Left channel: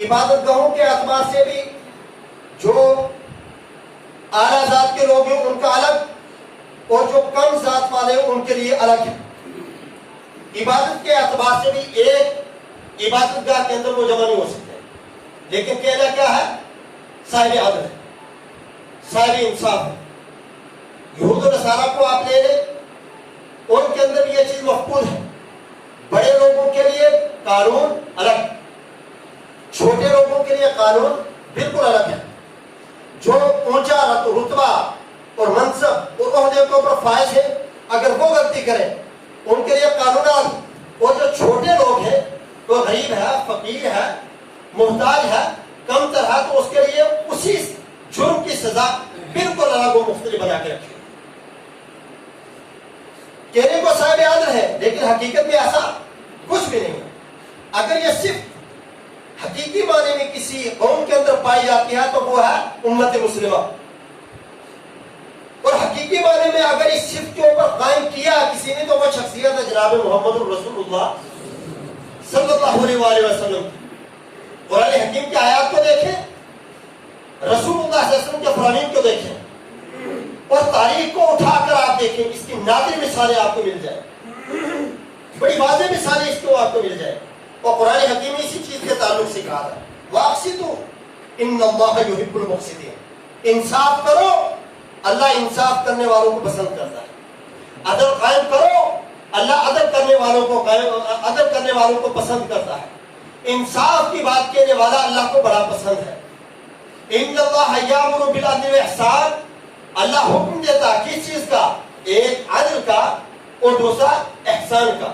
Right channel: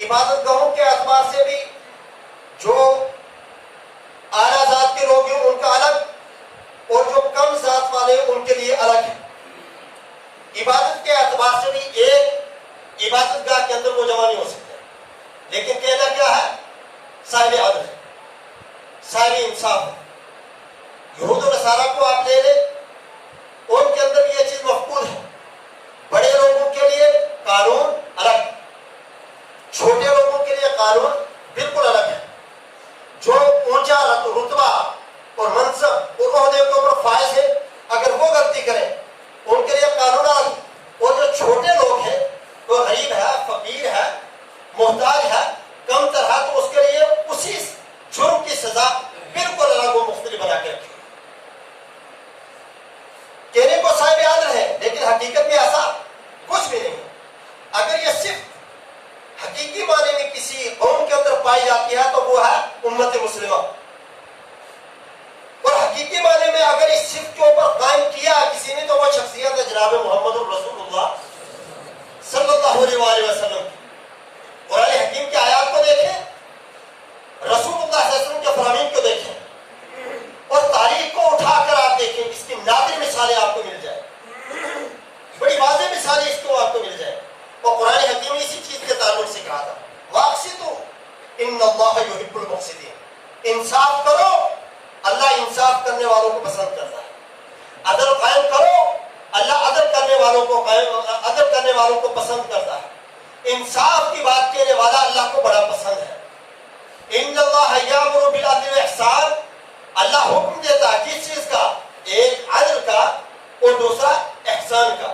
عبادت گاہوں کے اعتبار سے بھی جو اعلیٰ ذات کے لوگ ہیں ان کا الگ اور جو کم ذات والے ہیں ان کے لیے الگ ہے. عبادت کے اعتبار سے بھی ایک عبادت گاہ کے اندر وہ جمع نہیں ہو سکتے، لیکن کہنا کیا ہے؟ صاحب عدل ہے، صاحب انصاف ہے. یہود و نصارہ کو آپ لے لیں، ان کے اندر یہ چیز مقبول ہے. بڑے لوگوں کے لیے قانون الگ، چھوٹے لوگوں کے لیے قانون بالکل الگ ہے. جو اونچا رتبہ اور منصب اور عہدے کے اوپر فائز ہے، اگر وہ غلطی کریں ان کے لیے قانون الگ. اور جو چھوٹے لوگ ہیں، وہ غریب ہے، فقیر ہے، محتاج ہے، کم تر ہے، تو اس کے لیے اسی جرم کی سزا بالکل الگ و مختلف بنا کے رکھی. کہنے کو صاحب عدل ہے، لیکن حقیقت میں ایسا کچھ بھی نہیں ہے. اگر یہ صرف حقیقی معنی میں کسی قوم کے اندر پائی جاتی ہے تو وہ ہے امت مسلمہ. اور حقیقی معنی میں اگر اس صفت کے اوپر قائم کیا کسی نے تو وہ شخصیت ہے جناب محمد الرسول اللہ صلی اللہ علیہ وآلہ وسلم. قرآن حکیم کی آیات کو دیکھیں، رسول اللہ صلی اللہ علیہ وسلم کے فرامین کو دیکھیں، اور تاریخ کو اٹھا کر آپ دیکھیں. اس کی نادر مثالیں آپ کو مل جائیں، بڑی واضح مثالیں اس کو آپ کو مل جائیں. اور قرآن حکیم اسی چیز کے تعلق سے کہا تھا، واقسطوا ان اللہ یحب المقسطین. انصاف کرو، اللہ انصاف کرنے والوں کو پسند کرتا ہے. عدل قائم کرو، اللہ عدل کرنے والوں کو پسند کرتا ہے. انصاف کی بات کہنے والا اللہ کو بڑا پسند ہے. ان اللہ یامر بالعدل والاحسان، اللہ حکم دیتا ہے کس چیز کا؟ ایک عدل کا اور دوسرا احسان کا.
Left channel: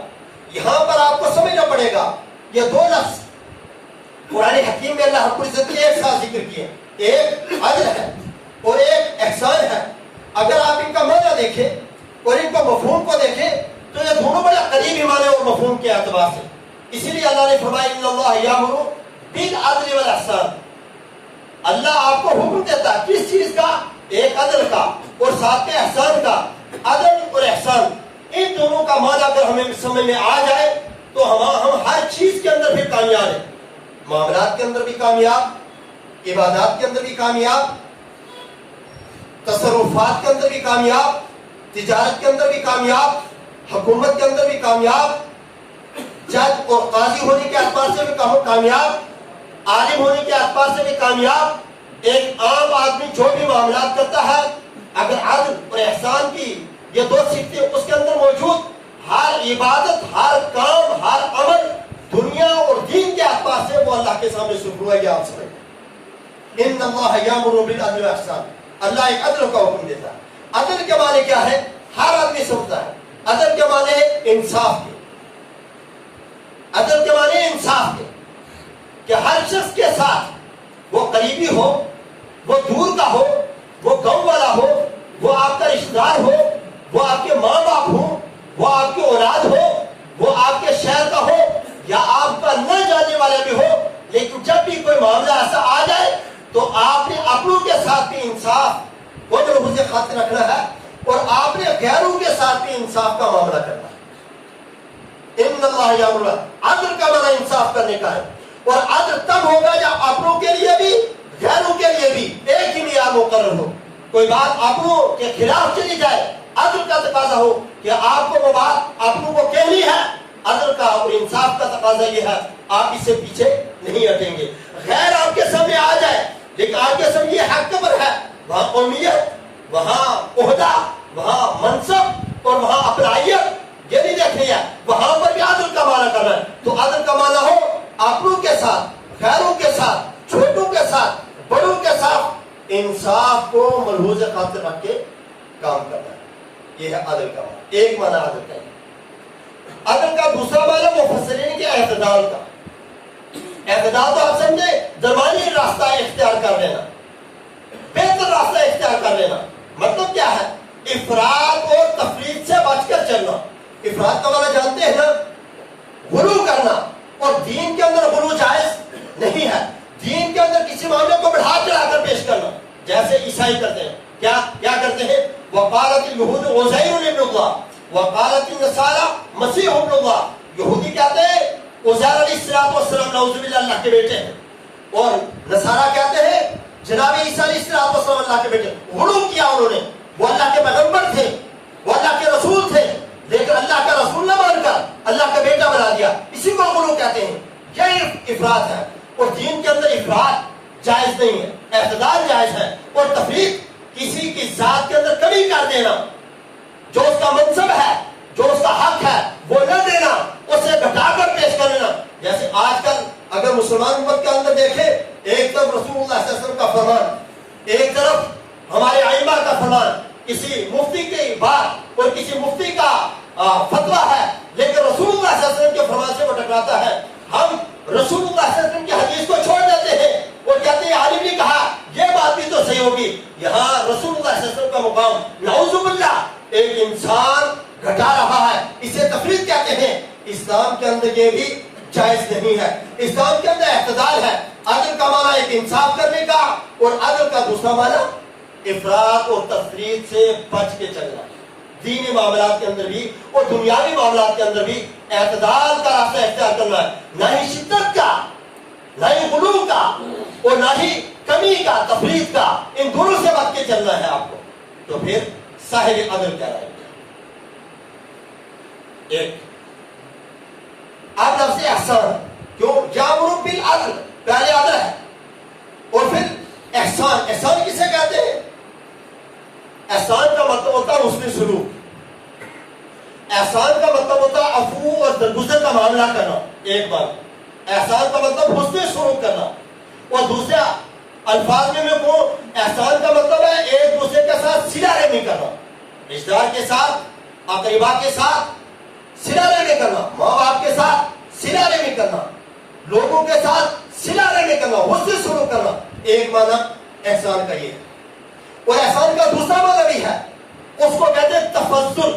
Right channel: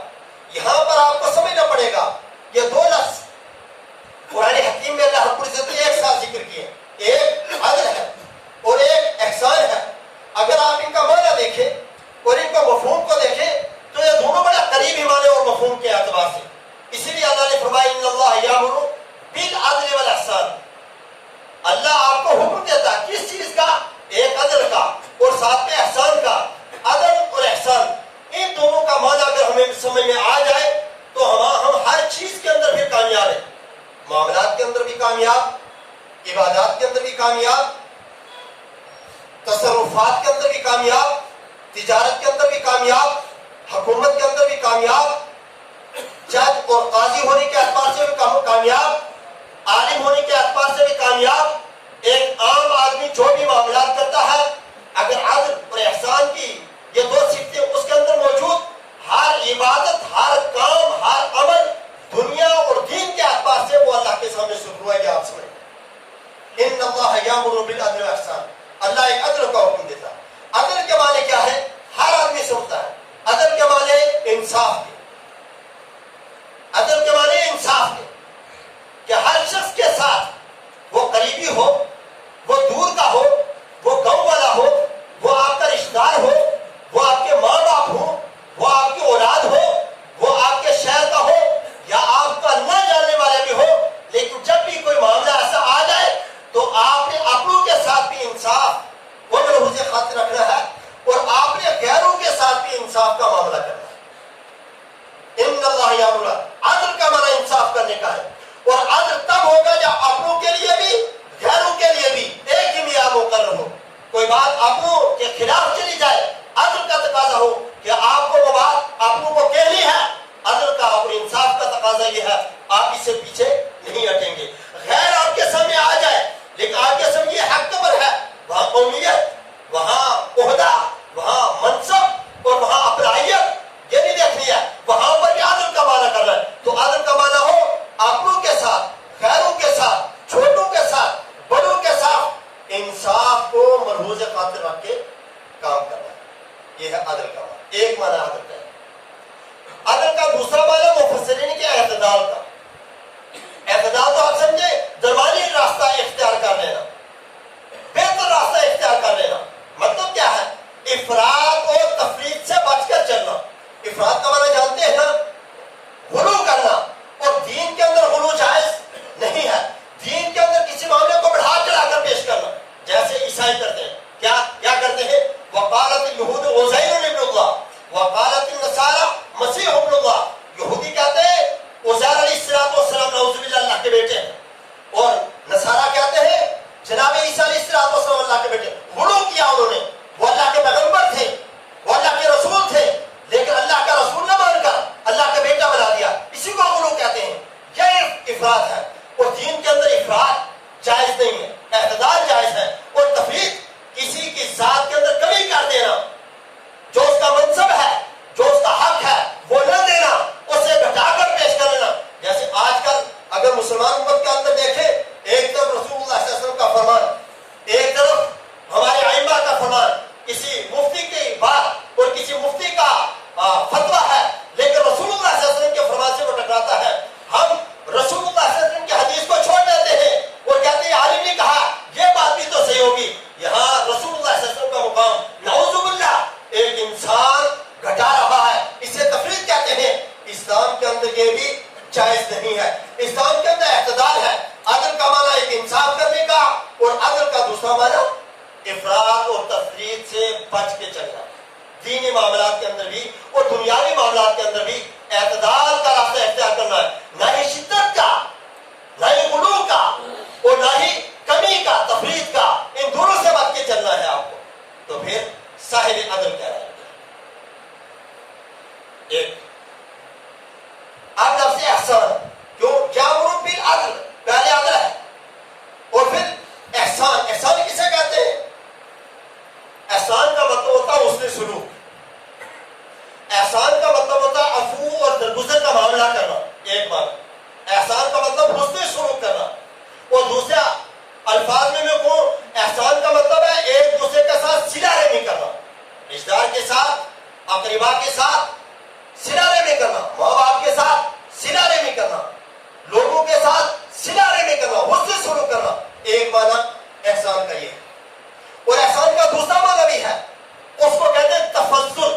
یہاں پر آپ کو سمجھنا پڑے گا یہ دو لفظ قرآن حکیم میں اللہ رب العزت نے ایک ساتھ ذکر کیے، ایک عدل ہے اور ایک احسان ہے. اگر آپ ان کا معنی دیکھیں اور ان کو مفہوم کو دیکھیں تو یہ دونوں بڑے قریبی معنی اور مفہوم کے اعتبار سے. اسی لیے اللہ نے فرمایا ان اللہ یامر بالعدل والاحسان. اللہ آپ کو حکم دیتا ہے کس چیز کا؟ ایک عدل کا اور ساتھ میں احسان کا. عدل اور احسان، ان دونوں کا معنی اگر ہمیں سمجھ میں آ جائے تو ہم ہر چیز کے اندر بھی کامیاب ہیں. معاملات کے اندر بھی کامیاب، عبادات کے اندر بھی کامیاب، تصرفات کے اندر بھی کامیاب، تجارت کے اندر بھی کامیاب، حکومت کے اندر بھی کامیاب، جج اور قاضی ہونے کے اعتبار سے بھی کامیاب، عالم ہونے کے اعتبار سے بھی کامیاب. ایک عام آدمی جو بھی معاملات کرتا ہے اگر عدل اور احسان کی یہ دو صفتیں اس کے اندر موجود، ہر عبادت، ہر کام، ہر عمل دنیا اور دین کے اعتبار سے وہ اللہ کے سامنے شروع ہے. آپ سمجھیں ان اللہ یامر بالعدل والاحسان، اللہ ایک عدل کا حکم دیتا ہے. عدل کے معنی کیا ہے؟ ہر آدمی سمجھتا ہے. عدل کے معنی انصاف کے، عدل کے معنی انصاف کے، کہ ہر شخص کے ساتھ وہ قریبی ہو، وہ دور کا ہو، وہ گاؤں والا ہو، وہ آپ کا رشتہ دار ہو، وہ آپ کے ماں باپ ہو، وہ آپ کی اولاد ہو، وہ آپ کے شہر کا ہو یا آپ کا نہ جاننے والا بھی ہو، لیکن جب بھی کوئی معاملہ ایسا آ جائے تو آپ نے اپنوں کے ساتھ بھی انصاف وہ ملحوظ خاطر رکھنا ہے اور آپ نے غیروں کے ساتھ بھی انصاف کا معاملہ کرنا ہے. ان اللہ یامر، عدل کا معنی انصاف کرنے کا ہے. اور عدل تب ہوگا جب اپنوں کے لیے بھی غیروں کے لیے بھی ایک ہی معیار مقرر ہو. کوئی بات اپنوں کے خلاف چلی جائے، عدل کا تقاضا ہو کہ آپ کو وہ بات اپنوں کو کہنی ہے. عدل کا اور انصاف کا تقاضا یہ ہے آپ اس سے پیچھے نہیں ہٹیں گے. غیر آپ کے سامنے آ جائے لیکن آپ کے سامنے یہ حق قبر ہے، وہاں قومیت، وہاں عہدہ، وہاں منصب اور وہاں اپلائیت یہ نہیں دیکھنی ہے، وہاں پر بھی عدل کا معنی کرنا ہے. تو عدل کا معنی ہو اپنوں کے ساتھ، غیروں کے ساتھ، چھوٹوں کے ساتھ، بڑوں کے ساتھ انصاف کو ملحوظ خاطر رکھ کے کام کرنا ہے. یہ ہے عدل کا معنی. ایک معنی عدل کا ہے. عدل کا دوسرا معنی مفسرین کے اعتدال کا. اعتدال تو آپ سمجھے درمیانی راستہ اختیار کر لینا، بہتر راستہ اختیار کر لینا. مطلب کیا ہے؟ افراط اور تفریط سے بچ کر چلنا. افراط کا معنی جانتے ہیں نا؟ غلو کرنا. اور دین کے اندر غلو جائز نہیں ہے. دین کے اندر کسی معاملے کو بڑھا چڑھا کر پیش کرنا جیسے عیسائی کرتے ہیں. کیا کرتے ہیں؟ وقالت اليهود عزیر ابن اللہ وقالت النصارى مسیح ابن اللہ. یہودی کہتے ہیں عزیر علیہ السلام نعوذ باللہ اللہ کے بیٹے ہیں، और नसारा कहते हैं जनाब ईसा अलैहिस्सलाम अल्लाह के बेटे। गुलू किया उन्होंने, वो अल्लाह के पैगंबर थे, वो अल्लाह के रसूल थे, लेकिन अल्लाह का रसूल न मानकर अल्लाह का बेटा बना दिया। इसी को गुलू कहते हैं। यह इफरात है, और दीन के अंदर इफरात जायज नहीं है, एतदाल जायज है। और तफरीक किसी की जात के अंदर कमी कर देना, जो उसका मनसब है, जो उसका हक है, वो न देना, उसे घटाकर पेश कर लेना। जैसे आजकल अगर मुसलमान उम्मत के अंदर देखें, एक तरफ रसूलुल्लाह सल्लल्लाहु अलैहि वसल्लम का फरमान, एक तरफ हमारे आइम्मा का फरमान, किसी मुफ्ती की बात और किसी मुफ्ती का फतवा है, लेकिन रसूलुल्लाह सल्लल्लाहु अलैहि वसल्लम के फरमान से वो टकराता है। हम रसूलुल्लाह सल्लल्लाहु अलैहि वसल्लम की हदीस को छोड़ देते हैं और कहते हैं आलिम ने कहा, ये बात भी तो सही होगी। यहाँ रसूलुल्लाह सल्लल्लाहु अलैहि वसल्लम का मुकाम नाउज़ुबिल्लाह एक इंसान घटा रहा है, इसे तफरीक कहते हैं। इस्लाम के अंदर ये भी जायज नहीं है। इस्लाम के अंदर एतदाल है। अदल का माना एक इंसाफ करने का, और अदल का दूसरा माना इफरात और तफरीक से बच के चलना। दीनी मामलात के अंदर भी और दुनियावी मामलात के अंदर भी एतदाल का रास्ता इख्तियार करना है, ना ही शिद्दत का, ना ही गुलू का, और ना ही कमी का, तफरीक का। इन दोनों से बच के चलना है आपको, तो फिर साहिब अदल कहलाएंगे। एक अदल से एहसान, क्यों यामुरू बिल अदल, पहले अदल है और फिर एहसान। एहसान किसे कहते हैं? एहसान का मतलब होता है उसने सुलूक। एहसान का मतलब होता है अफू और दरगुजर का मामला करना, एक बात। एहसान का मतलब हुस्न सुलूक करना। और दूसरा अल्फाज में मैं कहूं, एहसान का मतलब है एक दूसरे के साथ सिला रहमी करना, रिश्तेदार के साथ, अकरीबा के साथ सिला रहमी करना, माँ बाप के साथ सिला रहमी करना, लोगों के साथ सिला रहमी करना, हुस्न सुलूक करना। एक माना एहसान का ये है। और एहसान का दूसरा माना भी है, उसको कहते हैं तफज्जुल।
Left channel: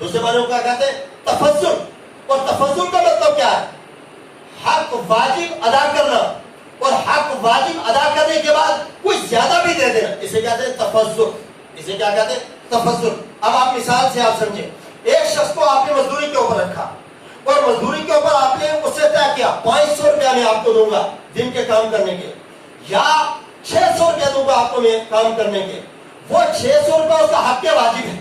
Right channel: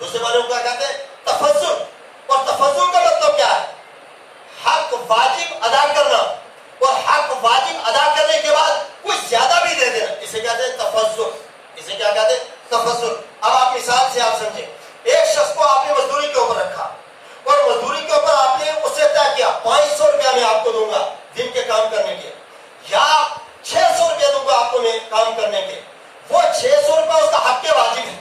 दूसरे माने को क्या कहते हैं? तफज्जुल। और तफज्जुल का मतलब क्या है? हक वाजिब अदा करना, और हक वाजिब अदा करने के बाद कुछ ज्यादा भी दे देना, इसे कहते हैं तफज्जुल। इसे क्या कहते हैं? तफज्जुल। अब आप मिसाल से आप समझे, एक शख्स को आपने मजदूरी के ऊपर रखा, और मजदूरी के ऊपर आपने उससे तय किया 500 रुपया मैं आपको दूंगा दिन के काम करने के, या 600 रुपया दूंगा आपको मैं काम करने के। वो 600 रुपया उसका हक के वाजिब है।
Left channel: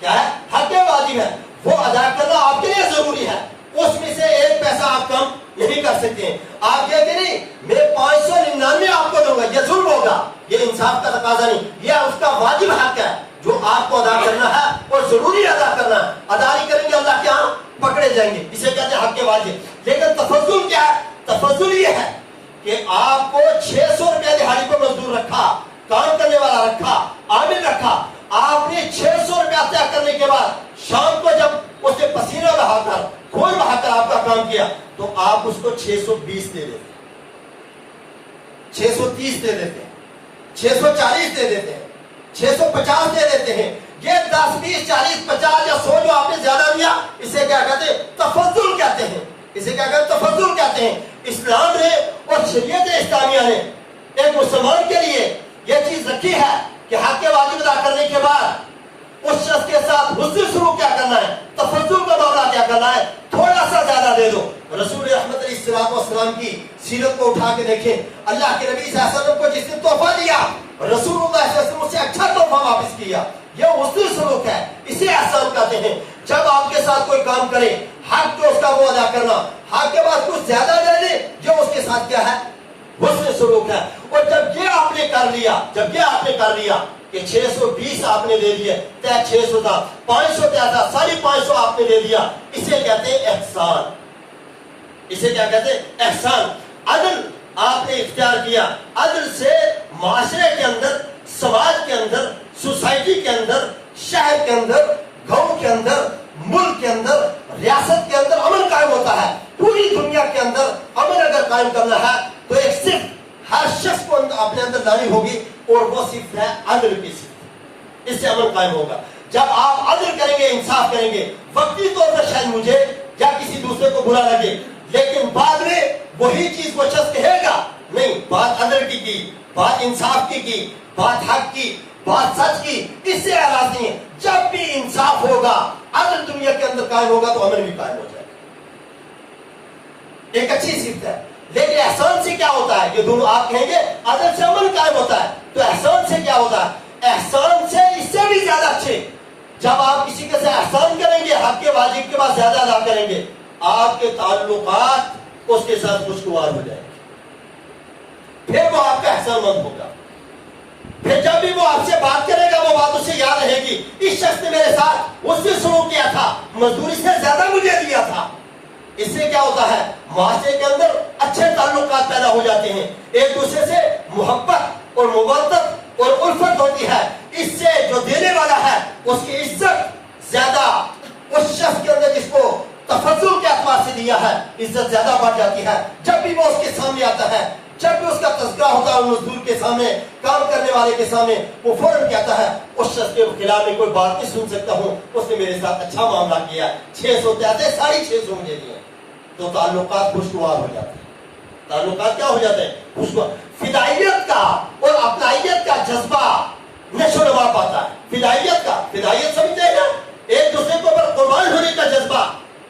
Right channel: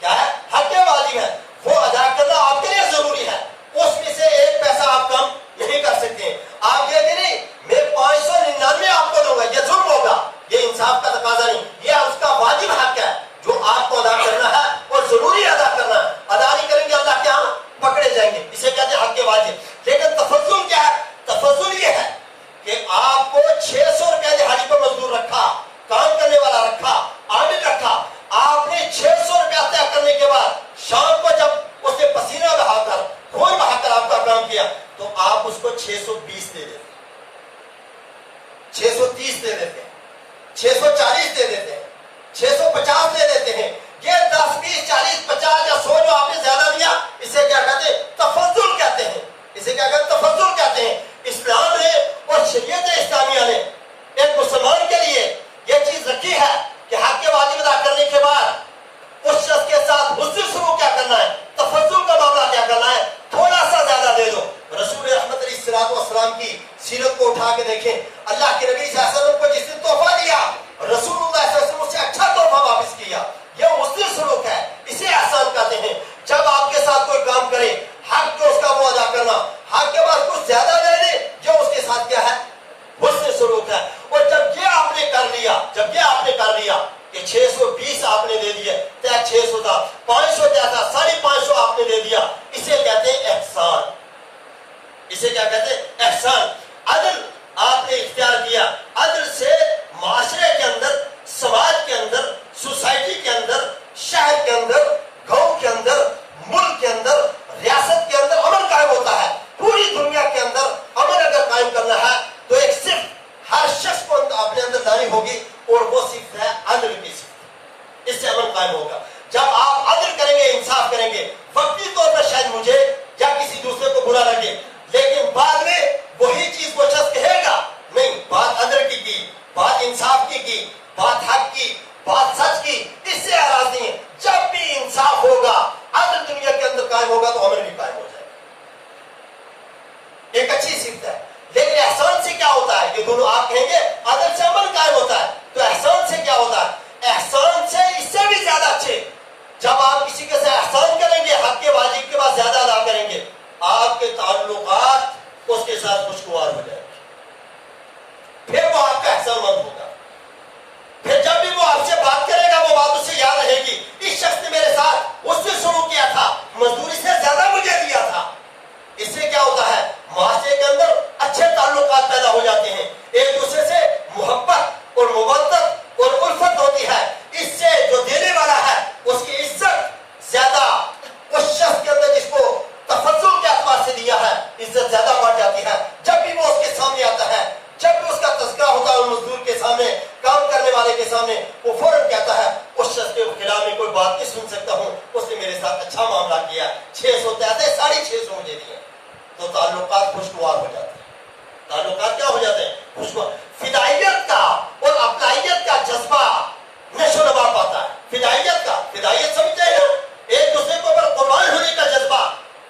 क्या है? हक के वाजिब है, वो अदा करना आपके लिए जरूरी है। उसमें से एक पैसा आप कम नहीं कर सकते। आप कहते नहीं मैं 599 आपको दूंगा, ये जुल्म होगा, ये इंसाफ का तकाजा नहीं, ये उसका वाजिब हक है जो आपको अदा करना है और जरूरी अदा करना है। अदा नहीं करेंगे अल्लाह के यहाँ पकड़े जाएंगे, इसे कहते हैं हक के वाजिब। लेकिन तफज्जुल क्या है? तफज्जुल ये है कि आपको 600 रुपया दिहाड़ी पर मजदूर रखा, काम करने वाला रखा, आमिल रखा, आपने 600 रुपया तय करने के बाद शाम को जब उसने पसीना बहाकर, खून बहाकर आपका काम किया, तो आप उसको 620 दे देते, 630 दे देते हैं, 640 दे देते हैं, 650 दे देते हैं। ये 10, 20, 40, 50 या 100 जो आपने ज्यादा दिया, इसे क्या कहते हैं? तफज्जुल कहते हैं। इसे क्या कहते हैं? तफज्जुल कहते हैं। इस्लाम ने और शरीयत इस्लामिया ने एक मुसलमान के लिए यह चीज रखी है कि हक के वाजिब अदा करने के बाद उस शख्स के साथ हुस्न शुरू क्या करना है, तफज्जुल का मामला क्या करना है, थोड़ा सा ज्यादा दे दो। रसूल रहमत अलैहिस्सलाम की सीरत को उठा के देखें, अल्लाह के नबी सल्लल्लाहु अलैहि वसल्लम को जिसने तोहफा दिया, रसूलुल्लाह सल्लल्लाहु अलैहि वसल्लम उससे अच्छा तोहफा वापस किया। यह हुस्न सलूक है, इसे एहसान कहते हैं। जब आपके साथ कोई काम करे, हक जो उसका वो अदा करना, हक के बाद कुछ ज्यादा दे दे, जो उसके साथ क्या है? हुस्न सलूक है। और जब ये आपने कर लिया, जब ये आपने कर लिया कि 620 आपने दे दिए, तय 600 था, 500 क्या था, 550 आपने दे दिया, इसे कहते हैं एहसान। इसे क्या कहते हैं? एहसान। अदल आपने इख्तियार किया। अदल से माशरे के अंदर, समाज के अंदर, सोसाइटी के अंदर, शहर के अंदर, गांव के अंदर, मुल्क के अंदर, रियासत के अंदर अमन कायम होता है। पूरी दुनिया के अंदर अमन अगर कायम करना है तो एक सिर्फ हर शख्स को अपने अंदर लानी होगी, और वो सिर्फ है अदल की सिर्फ। इससे अमन कायम होगा। जब आप अदल करेंगे, इंसाफ करेंगे, वक्ती तौर पर शायद मुझे या किसी दूसरे को बुरा लगे, लेकिन बाद में वही चीज वो शख्स कहेगा, नहीं बात अदल की, बात इंसाफ की, बात हक की, बात सच की, इससे एराज नहीं है। जब भी इंसाफ होगा, अदल दुनिया के अंदर कायम होगा, तो अमन भी कायम हो जाएगा। एक अच्छी सिफ्त है। लेकिन एहसान से क्या होता है? दोनों आप कहेंगे अदल से अमल कायम होता है, तो एहसान से क्या होता है? एहसान से इससे भी ज्यादा अच्छे, जब आप किसी के साथ एहसान करेंगे, हक के वाजिब के बाद ज्यादा अदा करेंगे, आपके ताल्लुकात उसके साथ खुशगवार हो जाएंगे, फिर वो आपका एहसानमंद होगा। फिर जब भी वो आपसे बात करेगा वो बात उसे याद रहेगी, इस शख्स ने मेरे साथ उससे शुरू किया था, मजदूरी से ज्यादा मुझे दिया था। इससे क्या होता है? माशरे के अंदर अच्छे ताल्लुकात पैदा हो जाते हैं, एक दूसरे से मोहब्बत और मुवद्दत और उल्फत होती है। इससे जो देने वाला है उसकी इज्जत ज्यादा, उस शख्स के अंदर जिसको तफज्जुल के एतबार से दिया है, इज्जत ज्यादा बढ़ जाती है। जब भी वो उसके सामने आता है, जब भी उसका तज़किरा होता है मजदूर के सामने, काम करने वाले के सामने, वो फौरन कहता है उस शख्स के खिलाफ में कोई बात नहीं सुन सकता हूँ, उसने मेरे साथ अच्छा मामला किया, 600 थे 650 मुझे दिए। तो ताल्लुकात खुशगवार हो जाते हैं। ताल्लुकात क्या हो जाते हैं? खुशगवार। फिदाइयत का और अपनाइयत का जज्बा नशोनमा पाता है। फिदाइयत समझते हैं ना, एक दूसरे के ऊपर कुर्बान होने का जज्बा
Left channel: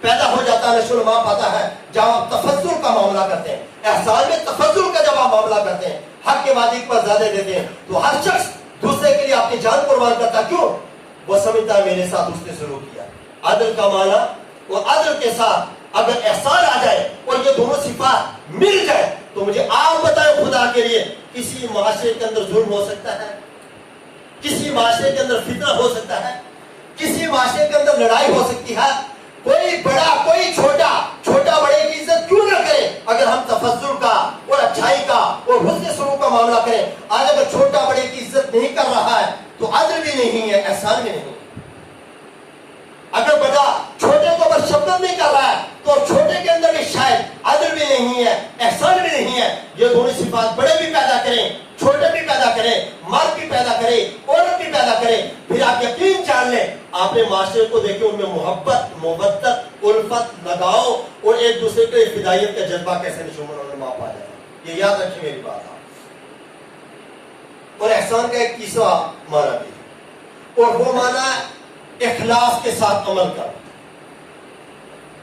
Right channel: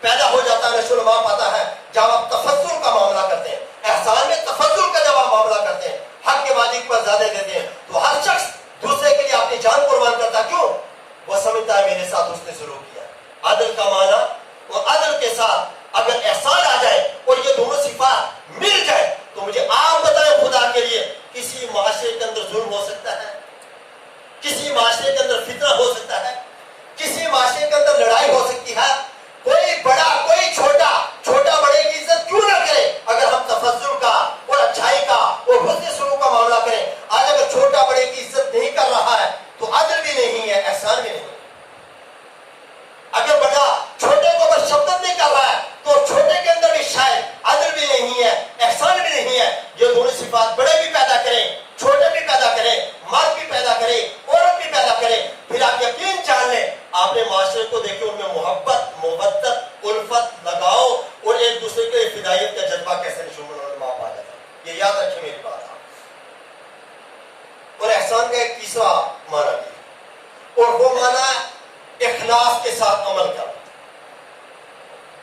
पैदा हो जाता है, नशोनमा पाता है। जब आप तफज्जुल का मामला करते हैं, एहसान में तफज्जुल का जब आप मामला करते हैं, हक के वाजिब पर ज्यादा देते हैं, तो हर शख्स दूसरे के लिए अपनी जान कुर्बान करता है। क्यों? वो समझता है मेरे साथ उसने शुरू किया। अदल का माना, वो अदल के साथ अगर एहसान आ जाए और ये दोनों सिफात मिल जाए, तो मुझे आप बताएं खुदा के लिए, किसी माशरे के अंदर जुल्म हो सकता है? किसी माशरे के अंदर फितना हो सकता है? किसी माशरे के अंदर लड़ाई हो सकती है? कोई बड़ा कोई छोटा, छोटा बड़े की इज्जत क्यों ना करे, अगर हम तफज्जुल का और अच्छाई का और हुस्न सलूक का मामला करें। आज अगर छोटा बड़े की इज्जत नहीं कर रहा है तो अदल भी नहीं है, एहसान भी नहीं। अगर बड़ा छोटे को अगर शब्द नहीं कर रहा है तो छोटे के अंदर भी शायद अदल भी नहीं है, एहसान भी नहीं है। ये दोनों सिफात बड़े भी पैदा करें, छोटे भी पैदा करें, मर्द भी पैदा करें, औरत भी पैदा करें, फिर आप यकीन जान लें आपने माशरे को देखे उनमें मोहब्बत, मुवद्दत, उल्फत, लगाओ और एक दूसरे के फिदायत का जज्बा कैसे नशोनमा पा जाए। ये याद रखिए मेरी बात। और एहसान का एक तीसरा माना भी, और वो माना इखलास के साथ अमल कर।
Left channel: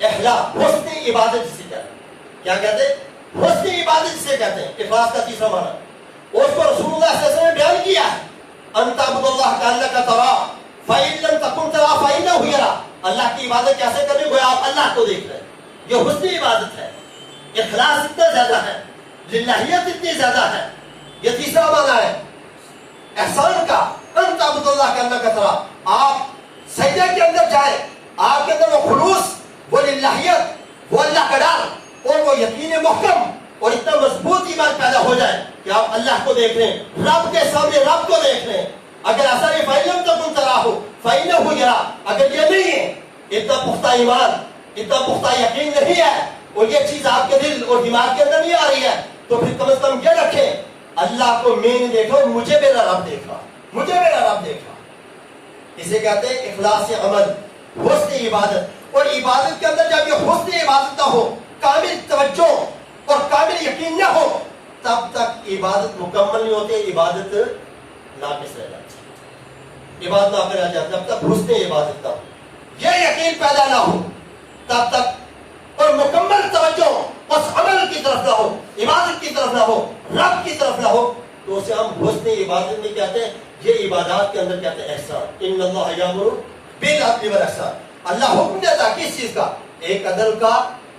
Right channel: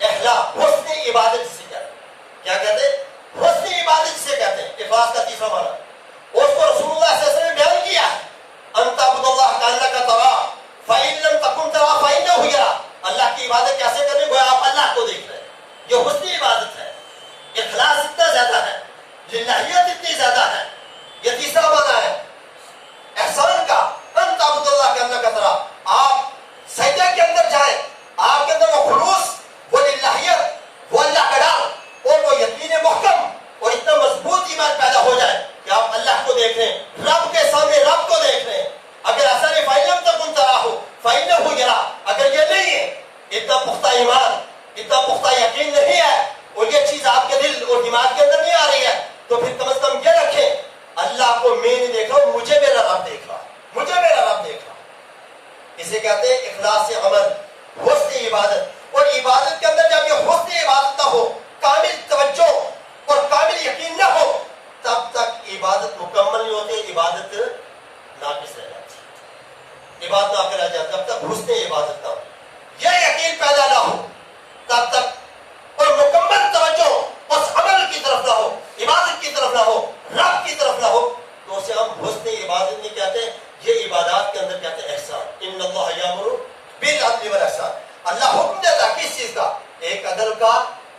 इखलास, हुस्न इबादत जिसे कहते हैं। क्या कहते हैं? हुस्न इबादत जिसे कहते हैं। इखलास का तीसरा माना, और उसको रसूलुल्लाह सल्लल्लाहु अलैहि वसल्लम ने बयान किया है, अंतअबुदुल्लाह कअन्नका तरा फइन लम तकुन तरा फइन्नहु यरा। अल्लाह की इबादत कैसे करनी? गोया आप अल्लाह को देख रहे हैं। ये हुस्न इबादत है। इखलास इतना ज्यादा है, लिल्लाहियत इतनी ज्यादा है। ये तीसरा माना है एहसान का, अंतअबुदुल्लाह कअन्नका तरा। आप सजदे के अंदर जाए, आपके अंदर वो खुलूस, वो लिल्लाहियत, वो अल्लाह का डर और वो यकीन मुहकम और इतना मजबूत ईमान पैदा हो जाए कि आप अल्लाह को देख रहे हैं, रब के सामने रब को देख रहे हैं। अगर ऐसा नहीं फइलम तकुन तराहु फइन्नहु यरा, अगर ये नहीं है, इतना पुख्ता ईमान, इतना पुख्ता यकीन नहीं है और ये चीज आपके दिल और दिमाग के अंदर नहीं आ रही है, तो फिर कम से कम ये रखें, अल्लाह को मैं नहीं देख रहा हूं, मुझे मेरा रब देख रहा, मुझे मेरा रब देख रहा। इसे कहते हैं इखलास से अमल, हुस्न इबादत। और इबादत के अंदर जब ये हुस्न इबादत ना हो, कामिल तवज्जो और कामिल यकीन ना हो, तब तक इबादत मुकम्मल नहीं होती, इबादत नाकिस रह जाती है, इबादत नाकिस रह जाती है। जब तक हुस्न इबादत ना हो, ये यकीन पैदा ना हो, तब तक और मुकम्मल तवज्जो उस अमल की तरफ ना हो, इबादत की तरफ ना हो, रब की तरफ ना हो, तो उसे हम हुस्न इबादत नहीं कहते। ये इबादत के अंदर कहते हैं एहसान। इन्नल्लाह यामुरु बिल अदल वल ihsan। अल्लाह हुक्म देता है किस चीज का? एक अदल का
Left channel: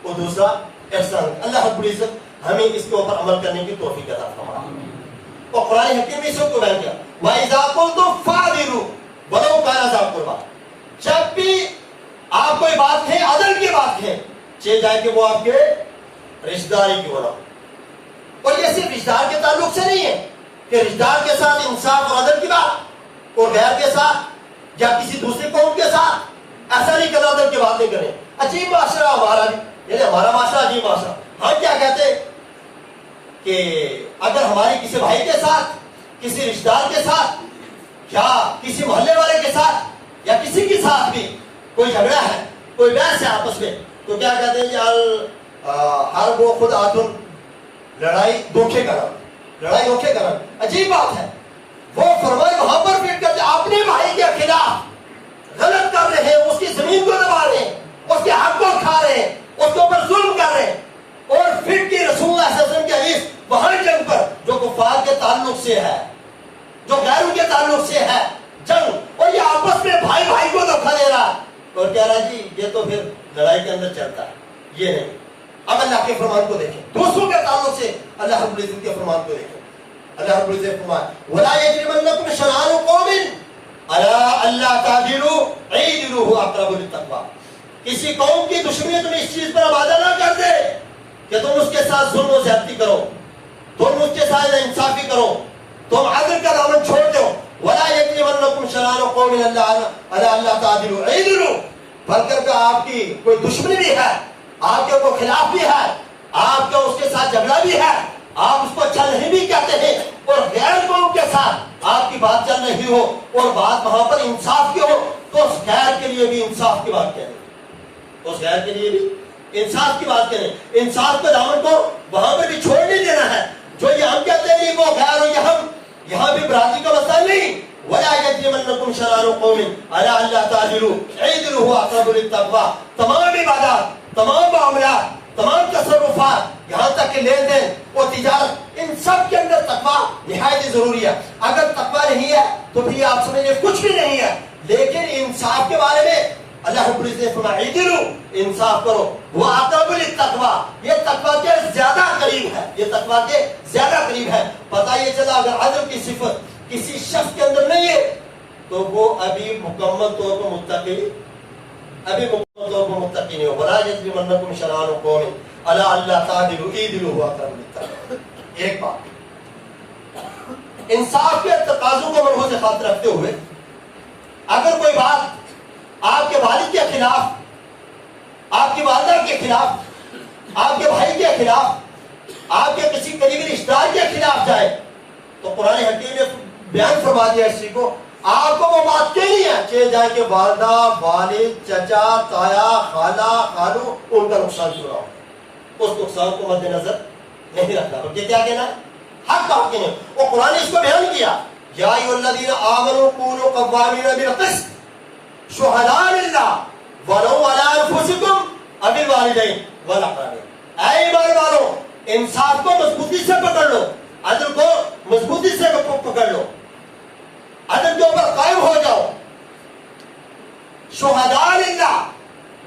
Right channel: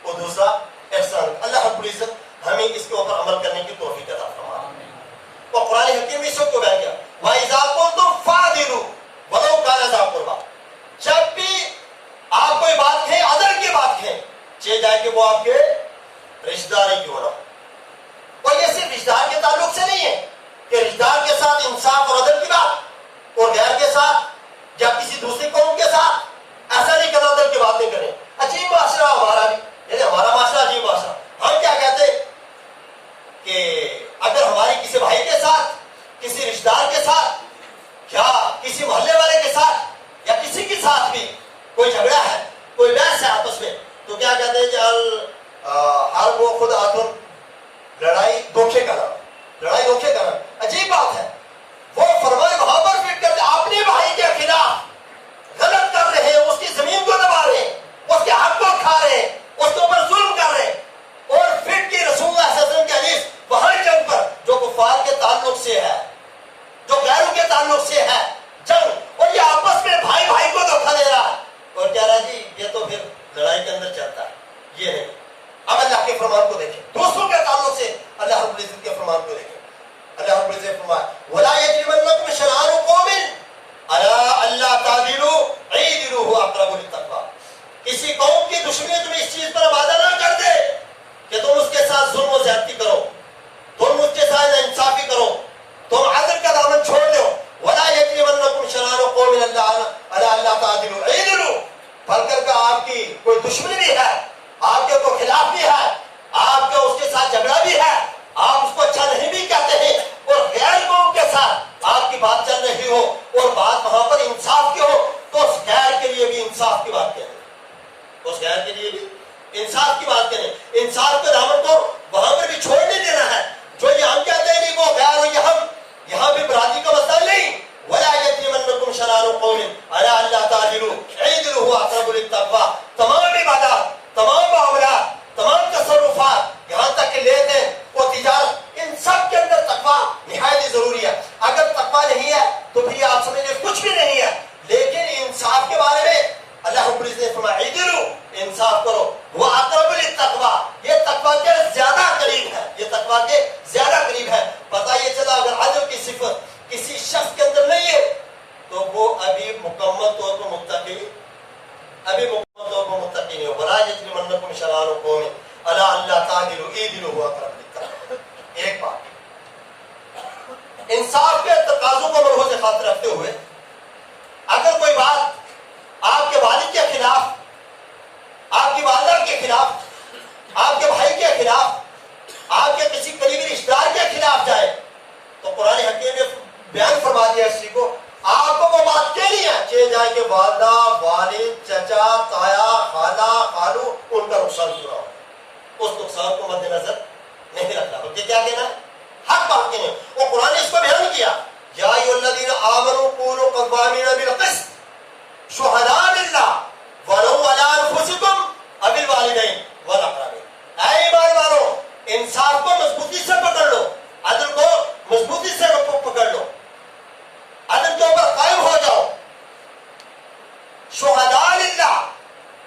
और दूसरा एहसान। अल्लाह रब्बुल इज्जत हमें इसके ऊपर अमल करने की तौफीक अता फरमाए। और कुरान हकीम में इसको बयान किया, व इज़ा कुल्तुम फादिलु वलौ काना ज़ा कुर्बा। जब भी आप कोई बात कहें, अदल की बात कहें, चाहे जाए कि वो आपके रिश्तेदारी की हो रहा हो। और ये सिर्फ रिश्तेदार के ताल्लुक से नहीं है कि रिश्तेदार के साथ इंसाफ और अदल की बात, और गैर के साथ या किसी दूसरे कौम के साथ ऐसा नहीं करना, अदल की बात नहीं करें। अजीब माशरा हमारा, हमारा माशरा अजीब माशरा। हम क्या कहते कि अगर हमारी किसी भाई के साथ, किसी रिश्तेदार के साथ, क्या किसी मोहल्ले वाले के साथ या किसी के साथ भी कोई झगड़ा है, कोई बहस है आपस में, तो क्या कहते हैं कि हर वो खुद आतुन, लड़ाई धोखे का नाम, लड़ाई धोखे का नाम। अजीब बात है। वो फरमाए वहां पर फिट करते अपने भाई के खिलाफ गलत कर रहे हैं, उसकी जमीन को दबा रहे हैं, उसके हक को खा रहे हैं, उसके ऊपर जुल्म कर रहे हैं, और फिर की रसूलुल्लाह सल्लल्लाहु अलैहि वसल्लम की हदीस वहां जंग ताल्लुक से है, जो गैरों के ताल्लुक से है जंग, और ये आपस में भाई भाई को धोखा दे रहा है और कह रहा है जी ये तो फिर लड़ाई के अंदर चलता है, ये नहीं। अब अल्लाह के फरमान को देखें, दूसरों के ताल्लुक से अल्लाह रब्बुल इज्जत के फरमान को देखें। अल्लाह रब्बुल इज्जत फरमाए वला यजरिमन्नकुम शनानु कौमिन अला अल्ला तादिलु ईदिलु हुवा अक़रबु लित्तक़वा। किसी कौम की दुश्मनी तुम्हें इस चीज पर वादा ना कर दे कि तुम उसके साथ जुल्म और ज्यादती करो, तुम उसके साथ इंसाफी करो, तुम अदल का दामन छोड़ दो। वला यजरिमन्नकुम शनानु कौमिन अला अल्ला तादिलु ईदिलु, बल्कि आपकी कोई दुश्मनी भी है, आपके कोई खिलाफ भी है, आपका उसके साथ झगड़ा भी है, आप उसको अच्छा नहीं भी कहते हैं, और गैर कौम के साथ आपकी बात चल रही हो और बात वहां पर इंसाफ की हो, तो उस गैर के लिए भी इंसाफ की बात करें, उस गैर के लिए भी इंसाफ की बात करें। इंसाफ के दामन को वहां पर भी छोड़ नहीं देना है। जो ये हम कहते हैं नहीं वो गैर हो, यहाँ भी बरादरी का मसला नहीं। वला यजरिमन्नकुम शनानु कौमिन अला अल्ला तादिलु ईदिलु हुवा अक़रबु लित्तक़वा। तमाम इबादत, तमाम मामलात, तमाम तसर्रुफात, यहाँ तक कि लेन देन और तिजारत, इन सब के अंदर तकवा निहायत जरूरी है। अगर तकवा नहीं है तो फिर आप समझिए कुछ भी नहीं है। लेकिन इंसाफ के बारे में अल्लाह रब्बुल इज्जत ने फरमाया ईदिलु, इंसाफ करो, वो अक़रबु लित्तक़वा, ये तकवा के ज्यादा करीब है, ये तकवा के ज्यादा करीब है। पता ये चला अगर अदल की सिफत किसी शख्स के अंदर नहीं है तो वो अभी मुकम्मल तौर पर मुत्तकी, अभी मुकम्मल तौर पर मुत्तकी नहीं हो। वला यजरिमन्नकुम शनानु कौमिन अला अल्ला तादिलु ईदिलु हुवा अक़रबु लित्तक़वा। एक बात, इंसाफ के तकाज़ों को मलहूज़ खातिर रखते हुए अगर कोई बात आपके वालिद के खिलाफ, आपकी वालिदा के खिलाफ, आपके भाई के खिलाफ, आपके किसी करीबी रिश्तेदार के खिलाफ जाए तो कुरान हकीम ने बयान फरमा दिया इसी को, आपको वो बात के लिए चले जाए कि वालिदा, वालिद, चचा, ताया, खाला, खालू, उनका नुकसान क्यों ना हो, उस नुकसान को मद्देनजर नहीं रखना, बल्कि क्या कहना है हक बात कहने। और कुरान ने इसको बयान किया या अय्युहल्लज़ीना आमनू कूनू क़व्वामीना बिल-क़िस्त शुहदाअ लिल्लाह वलौ अला अनफुसिकुम अविल वालिदैन वल अक़रबीन। ऐ ईमान वालों, इंसाफ को मजबूती से पकड़ लो, अदल को मजबूती से पकड़ लो, अदल के ऊपर कायम हो जाओ। शुहदाअ लिल्लाह,